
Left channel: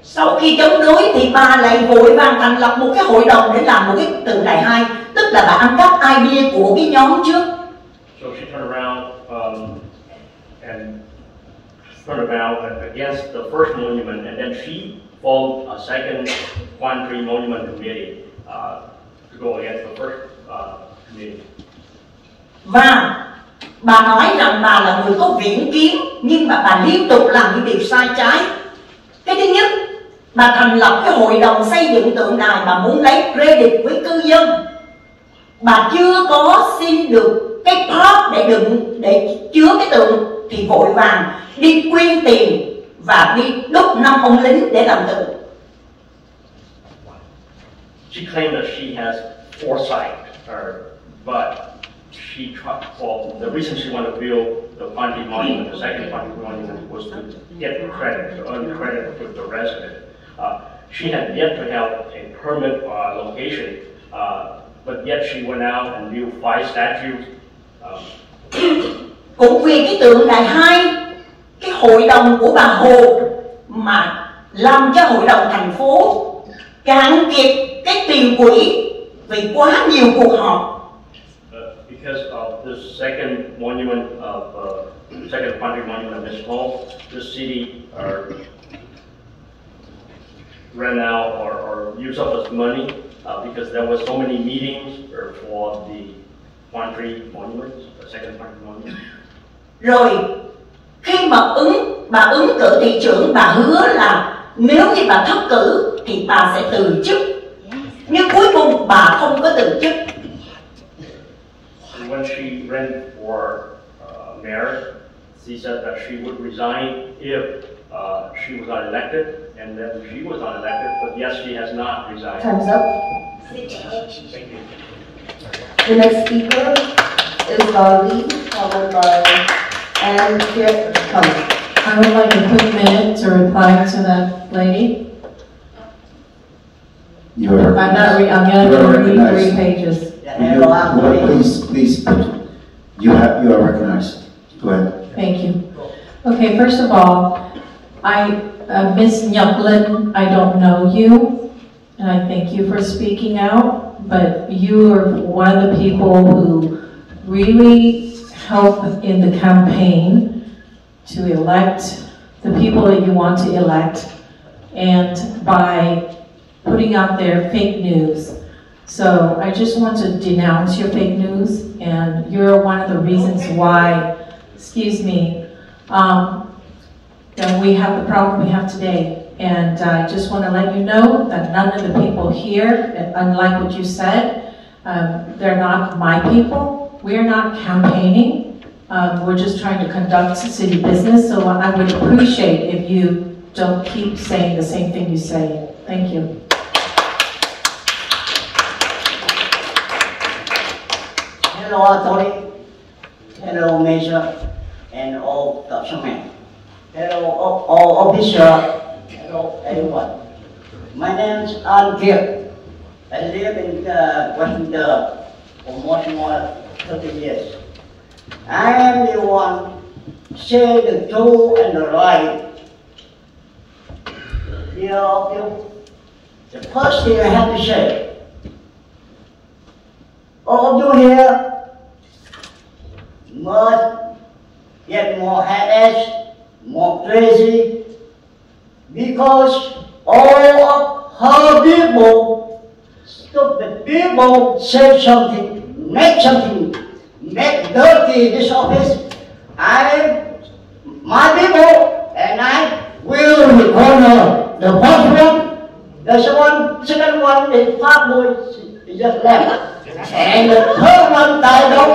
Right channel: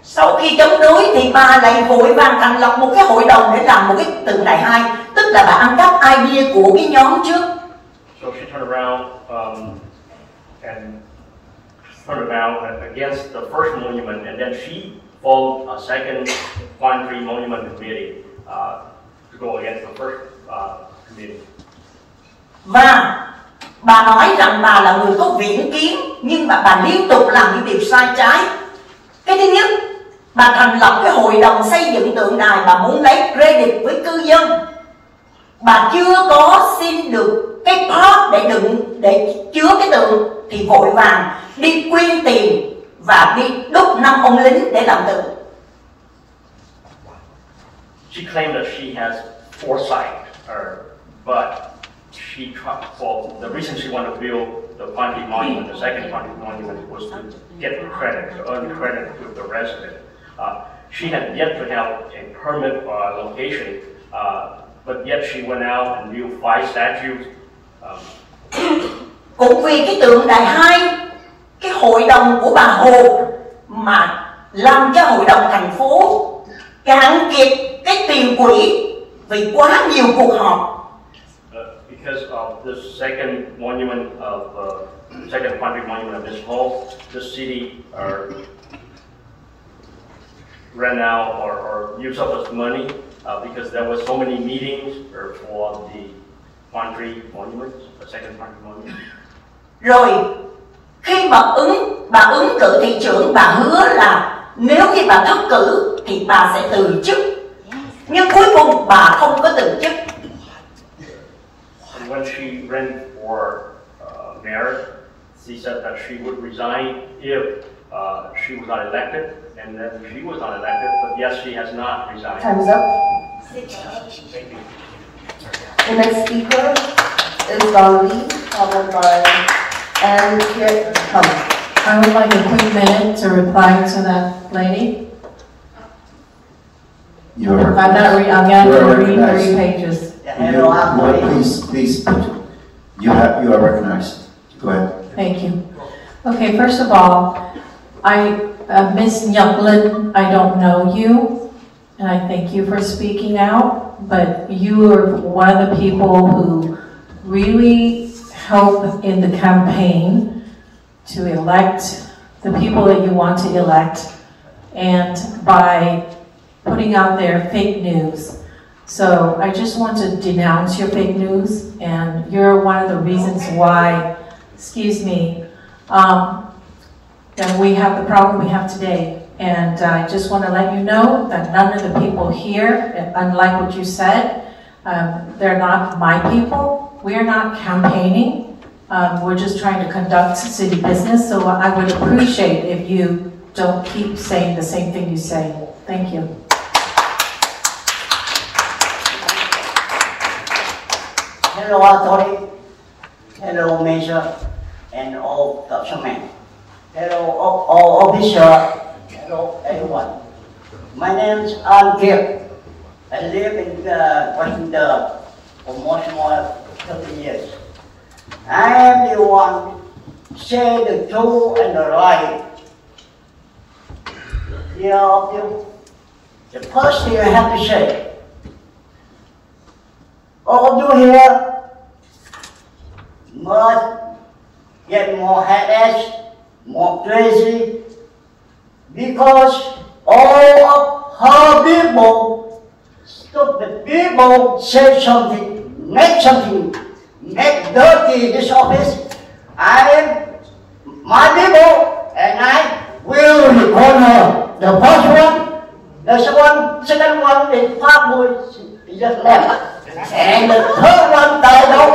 Sau khi chống đối thì bà lại vội vàng thành lập một cái hội đồng để làm một cái tượng đài 2, tức là bà ăn cắp idea của cái nhóm trước. So she turned around against the first monument, and then she formed a second Quang monument committee to go against the first committee. Và bà nói rằng bà là người có viễn kiến, nhưng mà bà liên tục làm những điều sai trái. Cái thứ nhất, bà thành lập cái hội đồng xây dựng tượng đài, bà muốn lấy credit với cư dân. Bà chưa có xin được cái part để chứa cái tượng thì vội vàng đi quyên tiền và đi đúc 5 ông lính để làm tượng. She claimed that she has foresight, but the reason she wanted to build the Quang monument, the second Quang monument, was to get credit, to earn credit with the resident. She had yet to have a permit location, but yet she went out and built 5 statues. Cũng vì cái tượng đài 2, cái hội đồng của bà Hồ mà làm cho hội đồng thành phố cạn kiệt cái tiền quỹ vì quá nhiều cuộc họp. because of the second monument of second country monument of this hall, the city ran out or used up its money because there were so many meetings for the country monuments, the second country monument. Rồi khi mà bà ứng cử thị trưởng, bà hứa là nếu như bà thất cử thì bà sẽ từ chức. Nhưng cuối cùng bà không có từ chức. And when she ran for mayor, she said that she would resign if she was not elected, and then she was not elected, but yes, she has not resigned. Time's up. Thank you. The next speaker is Don Lee, followed by and here come. I would like a quick minute to reply to that lady. You are I'm going to read 3 pages. Please, you are recognized. Go ahead. Thank you. Okay, first of all, Ms. Nhuplin, I don't know you, and I thank you for speaking out, but you are one of the people who really help in the campaign to elect the people that you want to elect, and by putting out their fake news. So I just want to denounce your fake news, and you're one of the reasons why, that we have the problem we have today. And I just want to let you know that none of the people here, unlike what you said, they're not my people. We are not campaigning. We're just trying to conduct city business. So I would appreciate if you don't keep saying the same thing you say. Thank you. Hello, Tony. Hello, Major, and all councilmen. Hello, all officers. Hello, everyone. My name is An Kiep. I live in Westminster for more than 30 years. I am the one say the truth and the right. The first thing I have to say, all of you here must get more headaches, more crazy, because all of her people, stupid people, say something, make dirty this office. My people, and I will recall her. The first one, the second one is Pháp Bùi, just left. And the third one died out.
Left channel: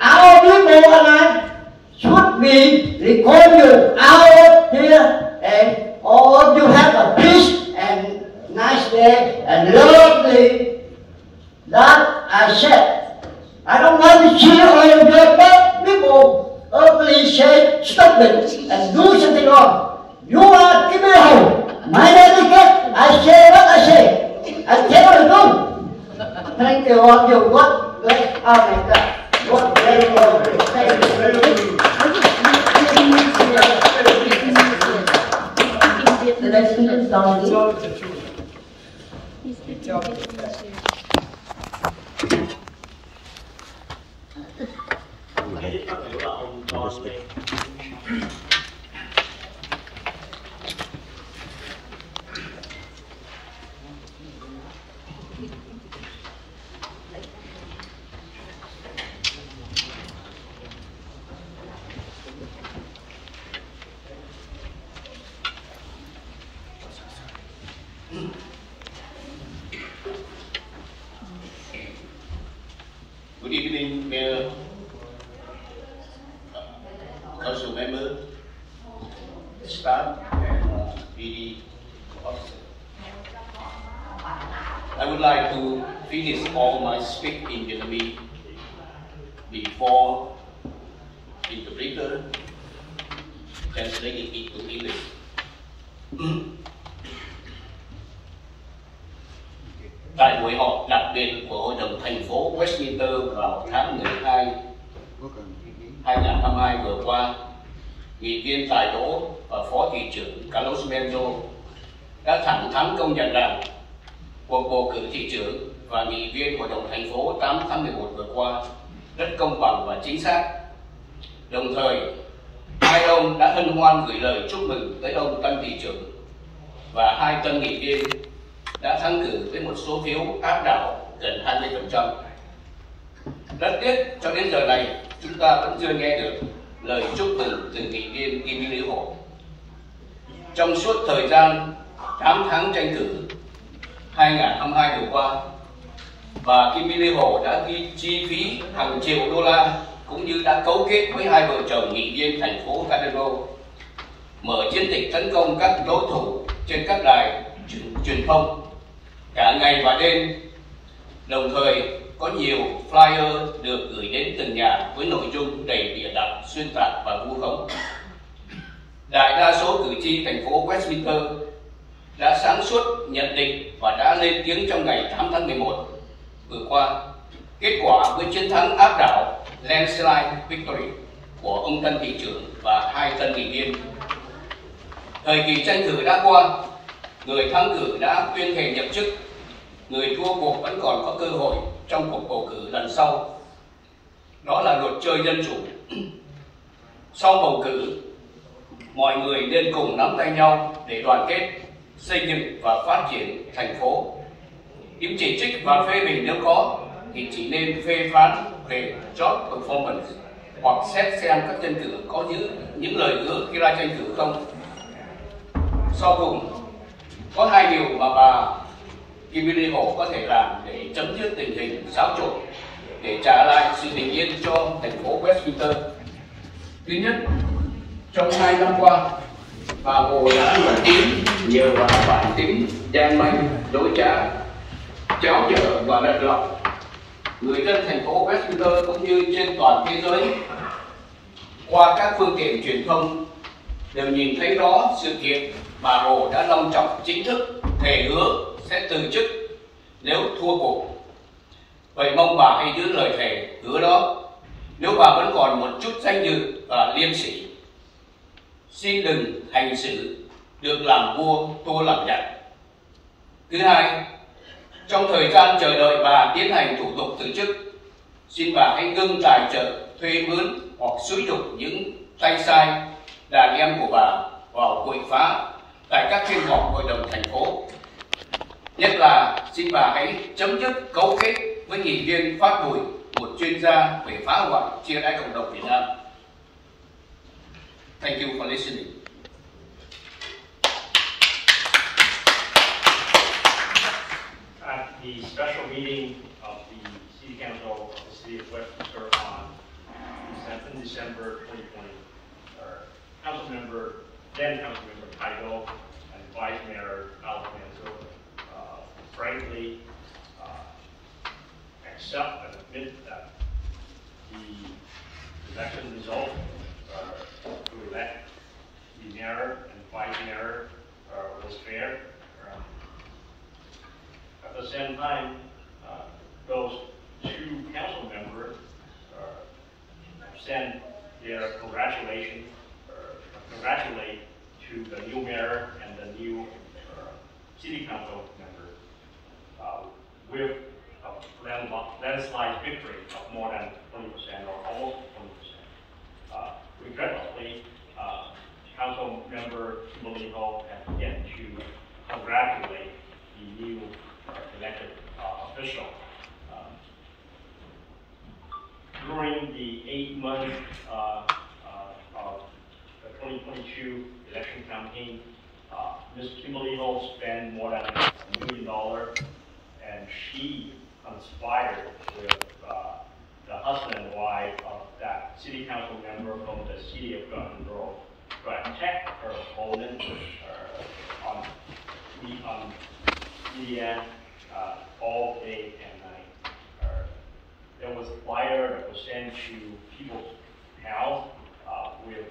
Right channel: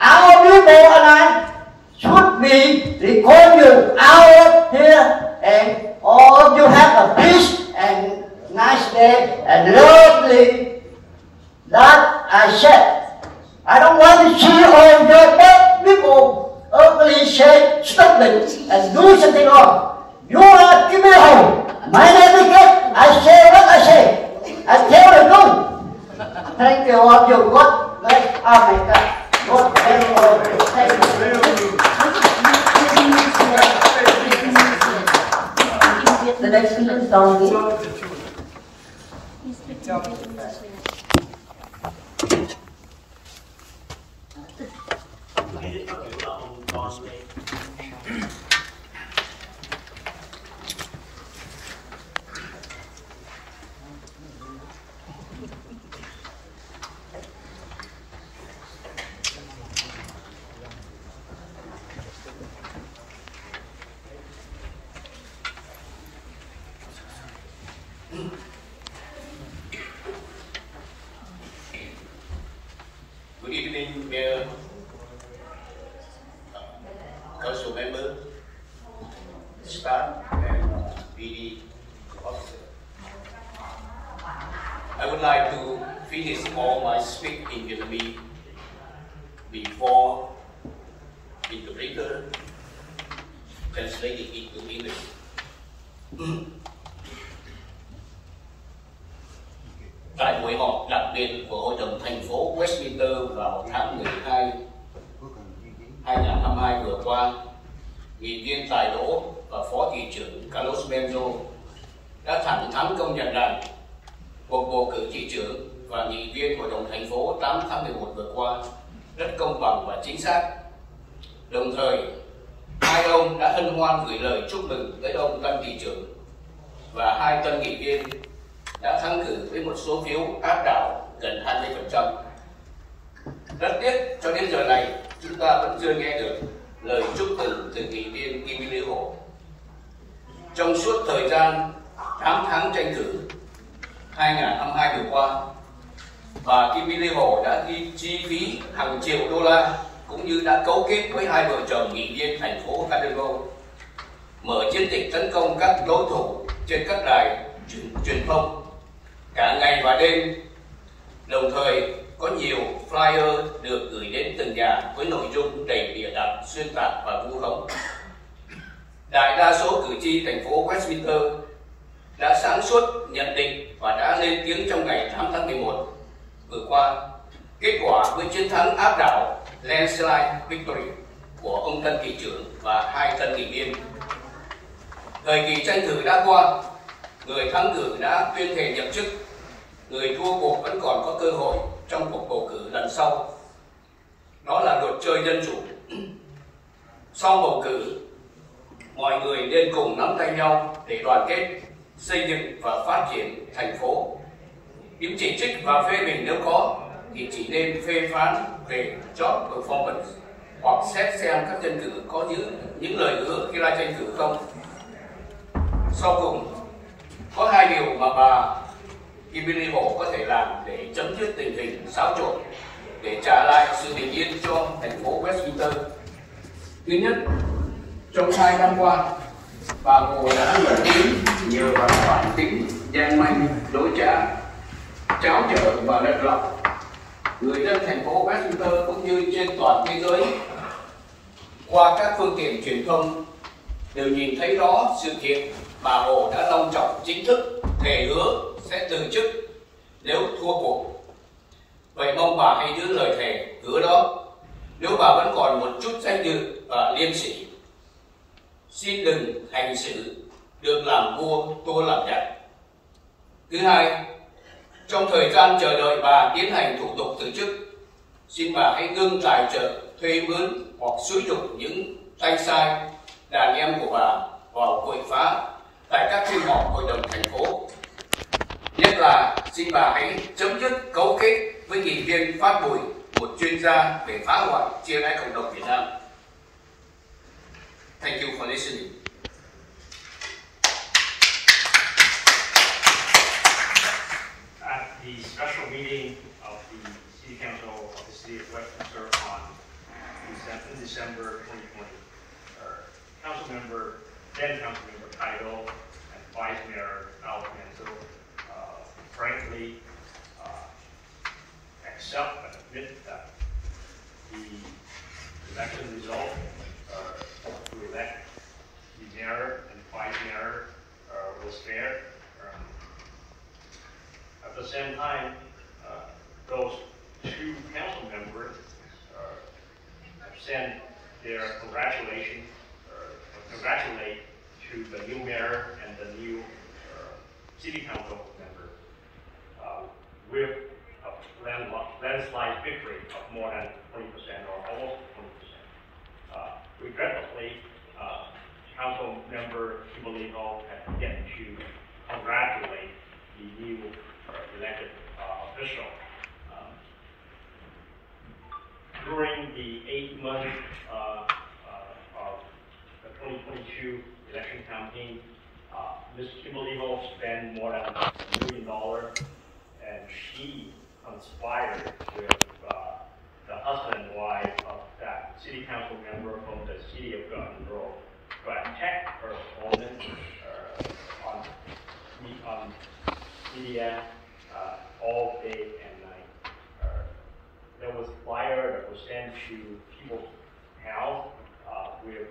Our people and I should be recall you out of here, and all of you have a peace and nice day and lovely. That I said. I don't want to see all the bad people ugly say stupid and do something wrong. You are keeping home. My etiquette, I say what I say. I tell you do. Thank you all of you. God bless America. God bless all of you. Thank you. The next speaker is Don Lee. Good evening, Mayor, Council member, staff, and PD officer. I would like to finish all my speech in Vietnamese before interpreter translating it to English. Tại buổi họp đặc biệt của Hội đồng thành phố Westminster vào tháng 12 2022 vừa qua, nghị viên Tài Đỗ và Phó thị trưởng Carlos Menzo đã thẳng thắn công nhận rằng cuộc bầu cử thị trưởng và nghị viên Hội đồng thành phố 8 tháng 11 vừa qua rất công bằng và chính xác. Đồng thời, hai ông đã hân hoan gửi lời chúc mừng tới ông Tân thị trưởng và hai tân nghị viên đã thắng cử với một số phiếu áp đảo gần 20%. Rất tiếc cho đến giờ này chúng ta cũng chưa nghe được lời chúc mừng từ nghị viên Kim Ly Hồ. Trong suốt thời gian 8 tháng tranh cử 2022 vừa qua, bà Kim Ly Hồ đã chi phí hàng triệu đô la cũng như đã cấu kết với hai vợ chồng nghị viên thành phố Canberra mở chiến dịch tấn công các đối thủ trên các đài truyền thông cả ngày và đêm. Đồng thời có nhiều flyer được gửi đến từng nhà với nội dung đầy bịa đặt, xuyên tạc và vu khống. Đại đa số cử tri thành phố Westminster đã sáng suốt nhận định và đã lên tiếng trong ngày 8 tháng 11 vừa qua. Kết quả với chiến thắng áp đảo landslide victory của ông tân thị trưởng và hai tân nghị viên. Thời kỳ tranh cử đã qua, người thắng cử đã tuyên thệ nhậm chức, người thua cuộc vẫn còn có cơ hội trong cuộc bầu cử lần sau. Đó là luật chơi dân chủ. Sau bầu cử, mọi người nên cùng nắm tay nhau để đoàn kết, xây dựng và phát triển thành phố. Những chỉ trích và phê bình nếu có thì chỉ nên phê phán về job performance hoặc xét xem các tranh cử có những lời hứa khi ra tranh cử không. Sau cùng, có hai điều mà bà Kim Ly Hồ có thể làm để chấm dứt tình hình xáo trộn, để trả lại sự bình yên cho thành phố Westminster. Thứ nhất, trong 2 năm qua, bà Hồ đã nổi tiếng nhờ vào bản tính gian manh, dối trá, cháo trở và lật lọng. Người dân thành phố Westminster cũng như trên toàn thế giới qua các phương tiện truyền thông đều nhìn thấy rõ sự kiện bà Hồ đã long trọng chính thức thề hứa sẽ từ chức nếu thua cuộc. Vậy mong bà hãy giữ lời thề hứa đó nếu bà vẫn còn một chút danh dự và liêm sỉ. Xin đừng hành xử được làm vua tua làm giặc. Thứ hai, trong thời gian chờ đợi bà tiến hành thủ tục từ chức, xin bà hãy ngưng tài trợ, thuê mướn hoặc xúi giục những tay sai đàn em của bà vào quậy phá tại các phiên họp hội đồng thành phố. Nhất là xin bà hãy chấm dứt cấu kết với nghị viên Phát Bùi, một chuyên gia về phá hoại chia rẽ cộng đồng Việt Nam. Thank you for listening. At the special meeting of the City Council of the City of Westminster in December 2020, then Council Member Kaido and Vice Mayor Alfonso frankly accept and admit that the election result to elect the mayor and vice mayor was fair. At the same time, those two council members have sent their congratulate to the new mayor and the new city council members with a landslide victory of more than 20% or almost 20%. Regrettably, Council Member Kimberly Hall has yet to congratulate the new elected official. During the 8 months of the 2022 election campaign, Ms. Kimberly Hall spent more than $1 million, and she conspired with the husband and wife of that city council member from the city of Gatineau to attack her opponent on media all day and night. There was a flyer that was sent to people's house with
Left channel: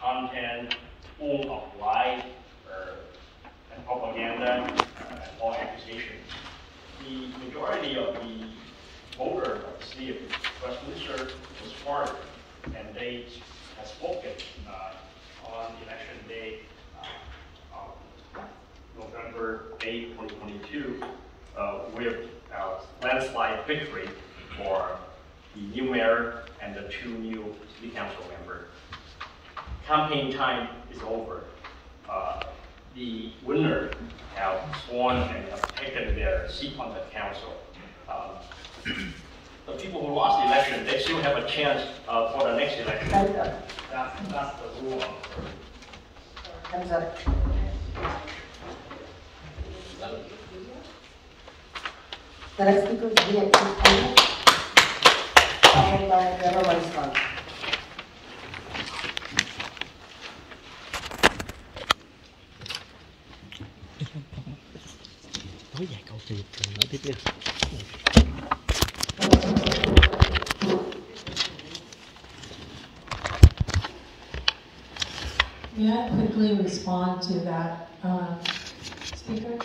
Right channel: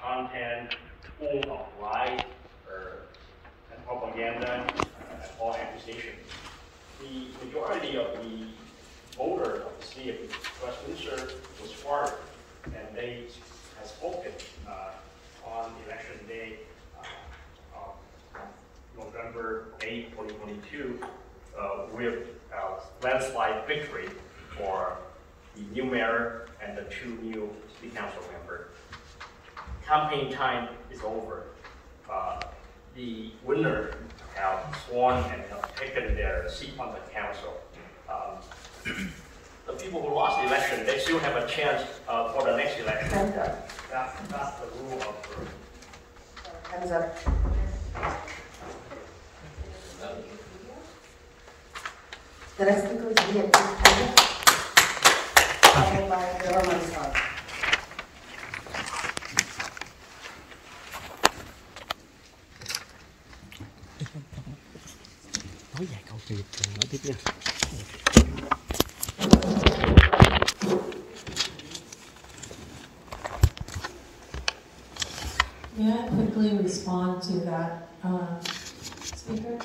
content full of lies and propaganda and all accusations. The majority of the voters of the city of Westminster was smart, and they have spoken on election day of November 8, 2022, with landslide victory for the new mayor and the 2 new city council members. Campaign time is over. The winner have sworn and have taken their seat on the council. The people who lost the election, they still have a chance for the next election. That's the rule of The next speaker is Via followed by Deborah Munster. Nói vài câu thì nói tiếp đi. May I quickly respond to that speaker?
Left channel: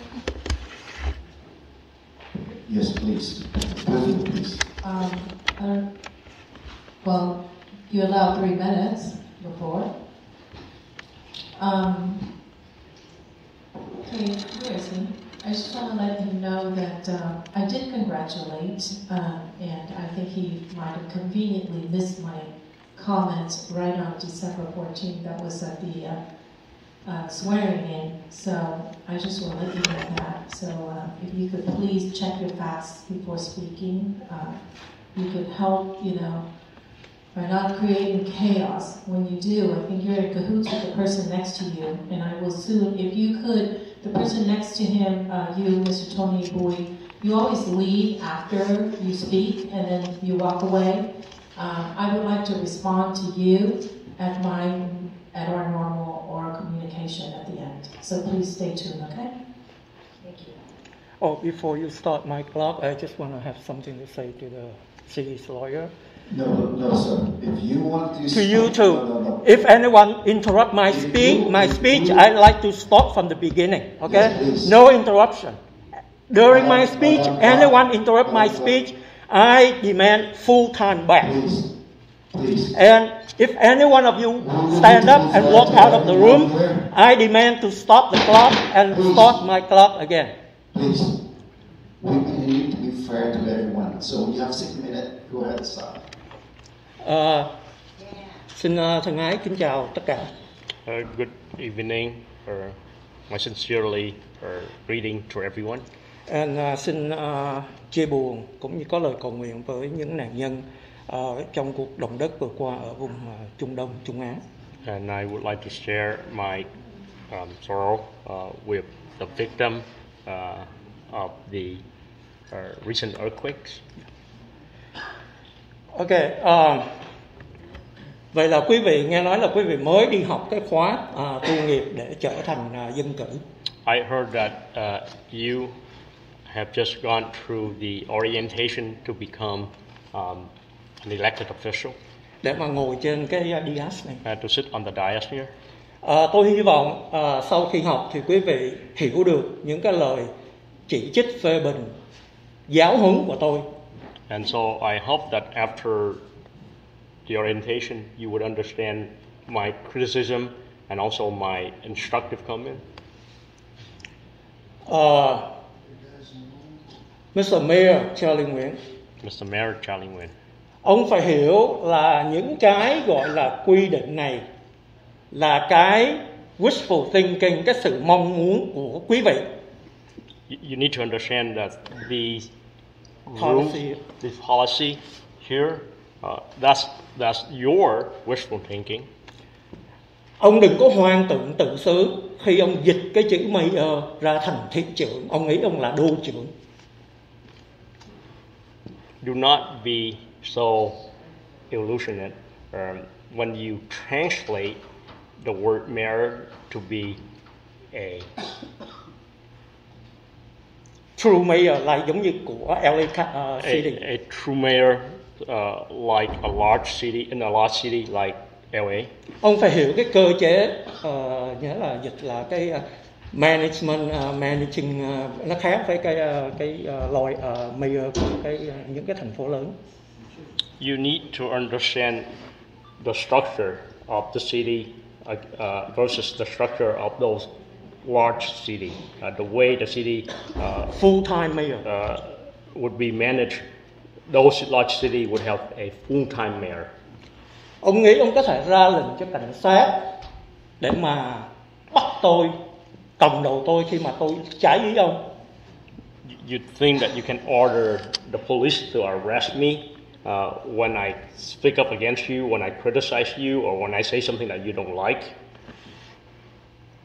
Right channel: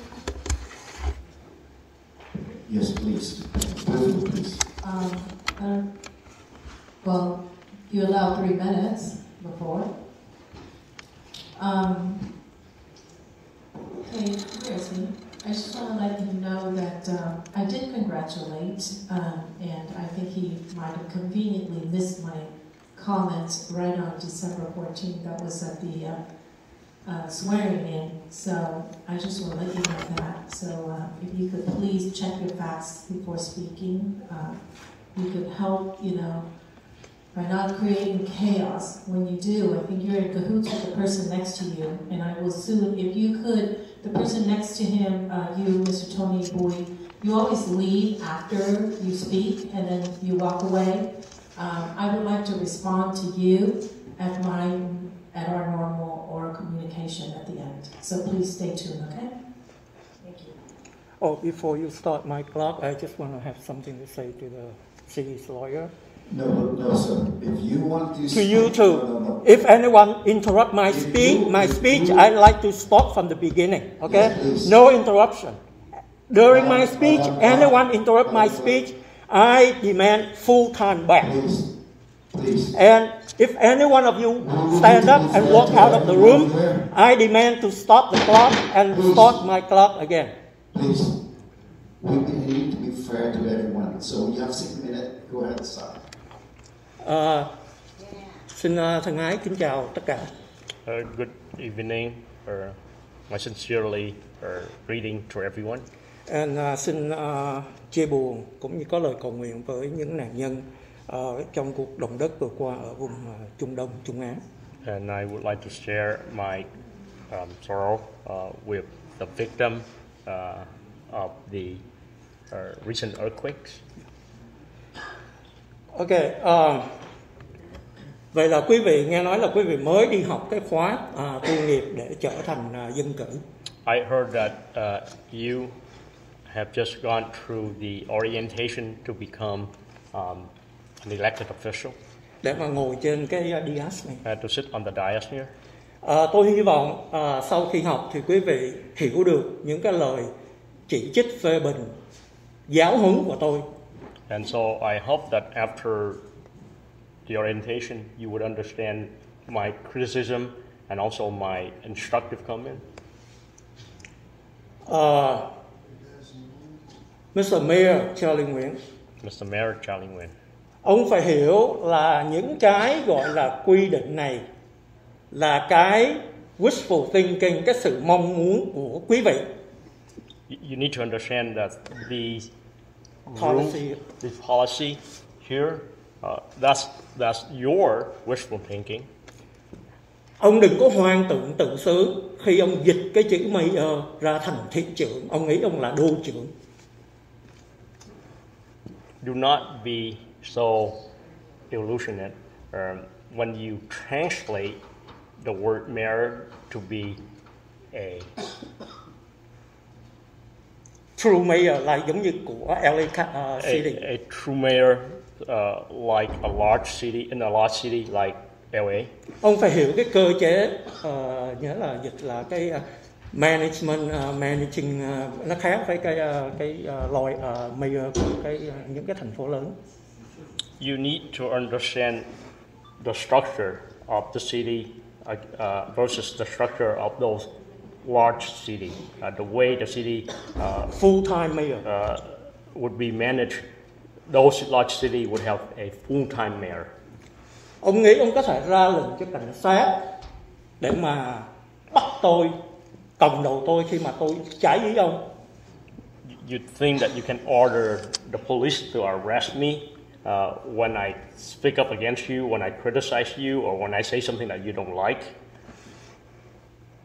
Yes, please. Please. Well, you allowed 3 minutes before. Okay, seriously, I just want to let you know that I did congratulate, and I think he might have conveniently missed my comments right on December 14th. That was at the swearing in. So I just want to let you know that. So if you could please check your facts before speaking, you could help, by not creating chaos. When you do, I think you're in cahoots with the person next to you, and I will soon, if you could, the person next to him, you, Mr. Tony Boy, you always leave after you speak, and then you walk away. I would like to respond to you at our normal oral communication at the end. So please stay tuned, okay? Thank you. Oh, before you start my clock, I just want to have something to say to the city's lawyer. No, sir. If you want to... To you too. No. If anyone interrupt my speech, I'd like to stop from the beginning, okay? Yes, no interruption. During my speech, anyone interrupt my speech, I demand full time back. Please. And if any one of you stand up and walk out of the room, I demand to stop the clock and start my clock again. Please. We need to be fair to everyone. So you have 6 minutes. Go ahead, start. Xin thân ái kính chào tất cả. Good evening. My sincerely greeting to everyone. And xin chia buồn cũng như có lời cầu nguyện với những nạn nhân trong cuộc động đất vừa qua ở vùng Trung Đông, Trung Á. And I would like to share my sorrow with the victim of the recent earthquakes. Okay. Vậy là quý vị nghe nói là quý vị mới đi học cái khóa tu nghiệp để trở thành dân cử. I heard that you have just gone through the orientation to become an elected official. Để mà ngồi trên cái dais này. To sit on the dais here. Tôi hy vọng sau khi học thì quý vị hiểu được những cái lời chỉ trích phê bình giáo huấn của tôi. And so I hope that after the orientation you would understand my criticism and also my instructive comment. Mr. Mayor Charlie Nguyễn. Mr. Mayor Charlie Nguyễn. Ông phải hiểu là những cái gọi là quy định này là cái wishful thinking, cái sự mong muốn của quý vị. You need to understand that the policy here, that's your wishful thinking. Ông đừng có hoang tưởng tự xứ khi ông dịch cái chữ mayor ra thành thị trưởng. Ông nghĩ ông là đô trưởng. Do not be so illusionate when you translate the word mayor to be a true mayor là giống như của LA City. A true mayor like a large city, in a large city like LA. Ông phải hiểu cái cơ chế, nhớ là dịch là cái management, managing, nó khác với cái loại mayor của những cái thành phố lớn. You need to understand the structure of the city versus the structure of those large city. The way the city full-time mayor would be managed, those large city would have a full-time mayor. Ông nghĩ ông có thể ra lệnh cho cảnh sát để mà bắt tôi, cầm đầu tôi khi mà tôi trái ý ông? You think that you can order the police to arrest me when I speak up against you, when I criticize you, or when I say something that you don't like?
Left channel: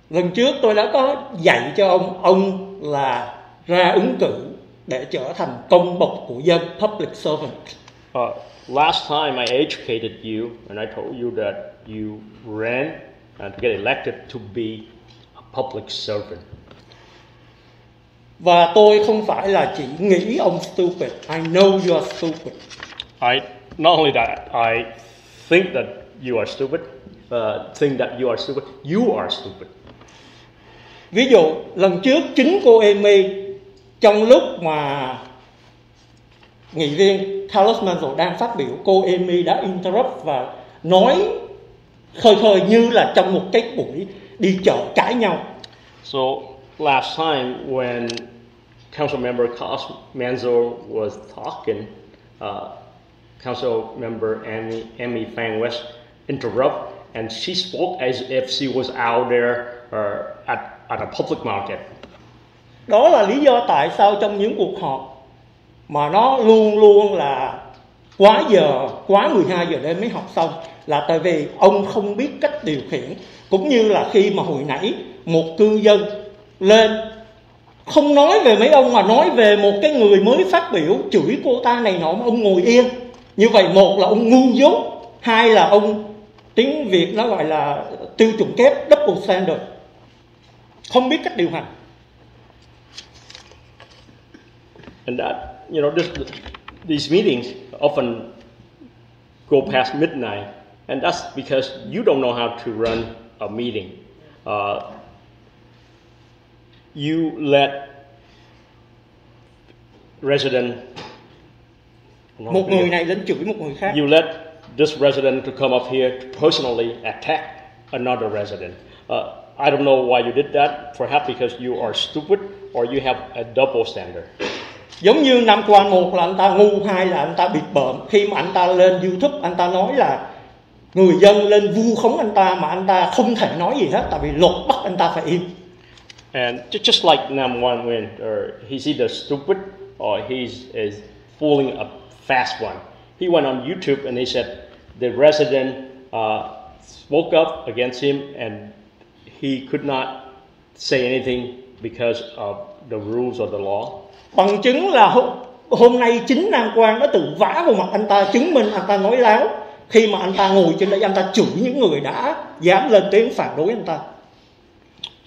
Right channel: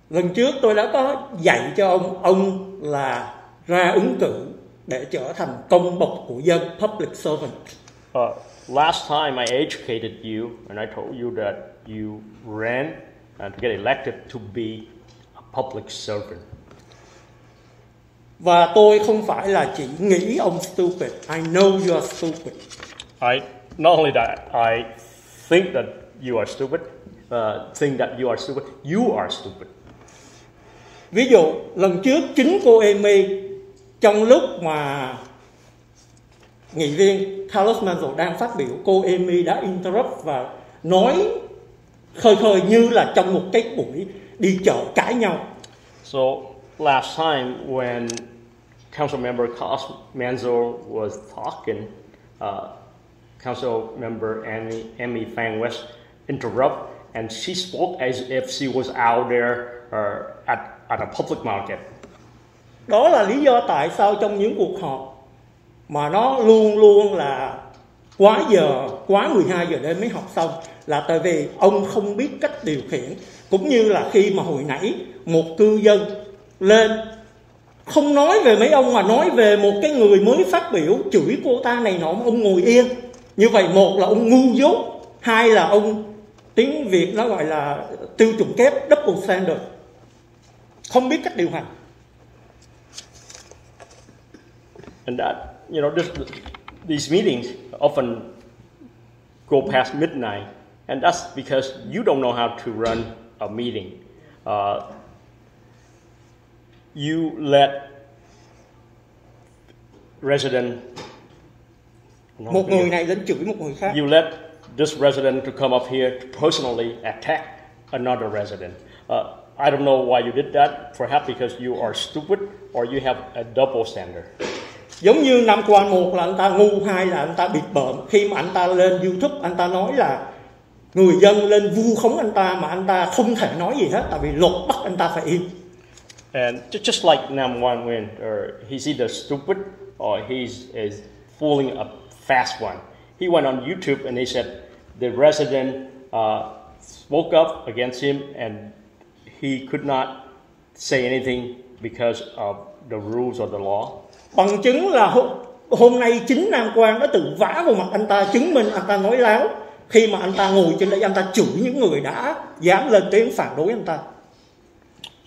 Lần trước tôi đã có dạy cho ông là ra ứng cử để trở thành công bộc của dân, public servant. Last time I educated you and I told you that you ran to get elected to be a public servant. Và tôi không phải là chỉ nghĩ ông stupid. I know you are stupid. Not only that, I think that you are stupid. You are stupid. Ví dụ, lần trước chính cô Amy trong lúc mà nghị viên Carlos Manzo đang phát biểu, cô Amy đã interrupt và nói khơi khơi như là trong một cái buổi đi chợ cãi nhau. So last time when Council Member Carlos Manzo was talking, Council Member Amy Phang West interrupt and she spoke as if she was out there at a public market. Đó là lý do tại sao trong những cuộc họp mà nó luôn luôn là quá giờ, quá 12 giờ đêm mới học xong, là tại vì ông không biết cách điều khiển. Cũng như là khi mà hồi nãy một cư dân lên không nói về mấy ông mà nói về một cái người mới phát biểu, chửi cô ta này nọ mà ông ngồi yên. Như vậy một là ông ngu dốt, hai là ông, tiếng Việt nó gọi là tiêu chuẩn kép, double standard, không biết cách điều hành. And that, these meetings often go past midnight, and that's because you don't know how to run a meeting. You let một người này đến chửi một người khác. You let this resident to come up here to personally attack another resident. I don't know why you did that. Perhaps because you are stupid or you have a double standard. Giống như năm qua, một là anh ta ngu, hai là anh ta bịp bợm. Khi mà anh ta lên YouTube, anh ta nói là người dân lên vu khống anh ta mà anh ta không thể nói gì hết, tại vì luật bắt anh ta phải im. And just like number one, when he's either stupid or he's fooling a fast one. He went on YouTube and he said the resident spoke up against him and he could not say anything because of the rules or the law. Bằng chứng là hôm nay chính Nam Quang đã tự vả vào mặt anh ta, chứng minh anh ta nói láo khi mà anh ta ngồi trên đây, anh ta chửi những người đã dám lên tiếng phản đối anh ta.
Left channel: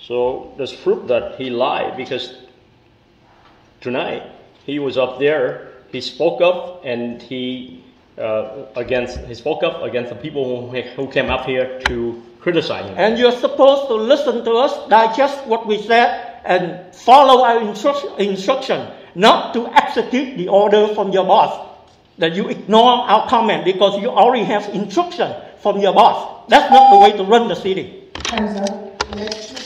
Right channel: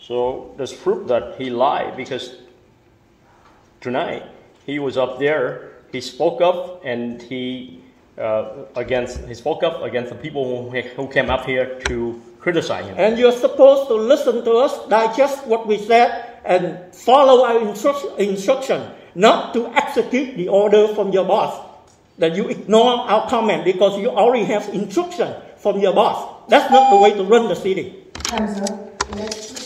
So there's proof that he lied because tonight he was up there, he spoke up and he spoke up against the people who came up here to criticize him. And you're supposed to listen to us, digest what we said and follow our instruction, not to execute the order from your boss. That you ignore our comment because you already have instruction from your boss. That's not the way to run the city. Next.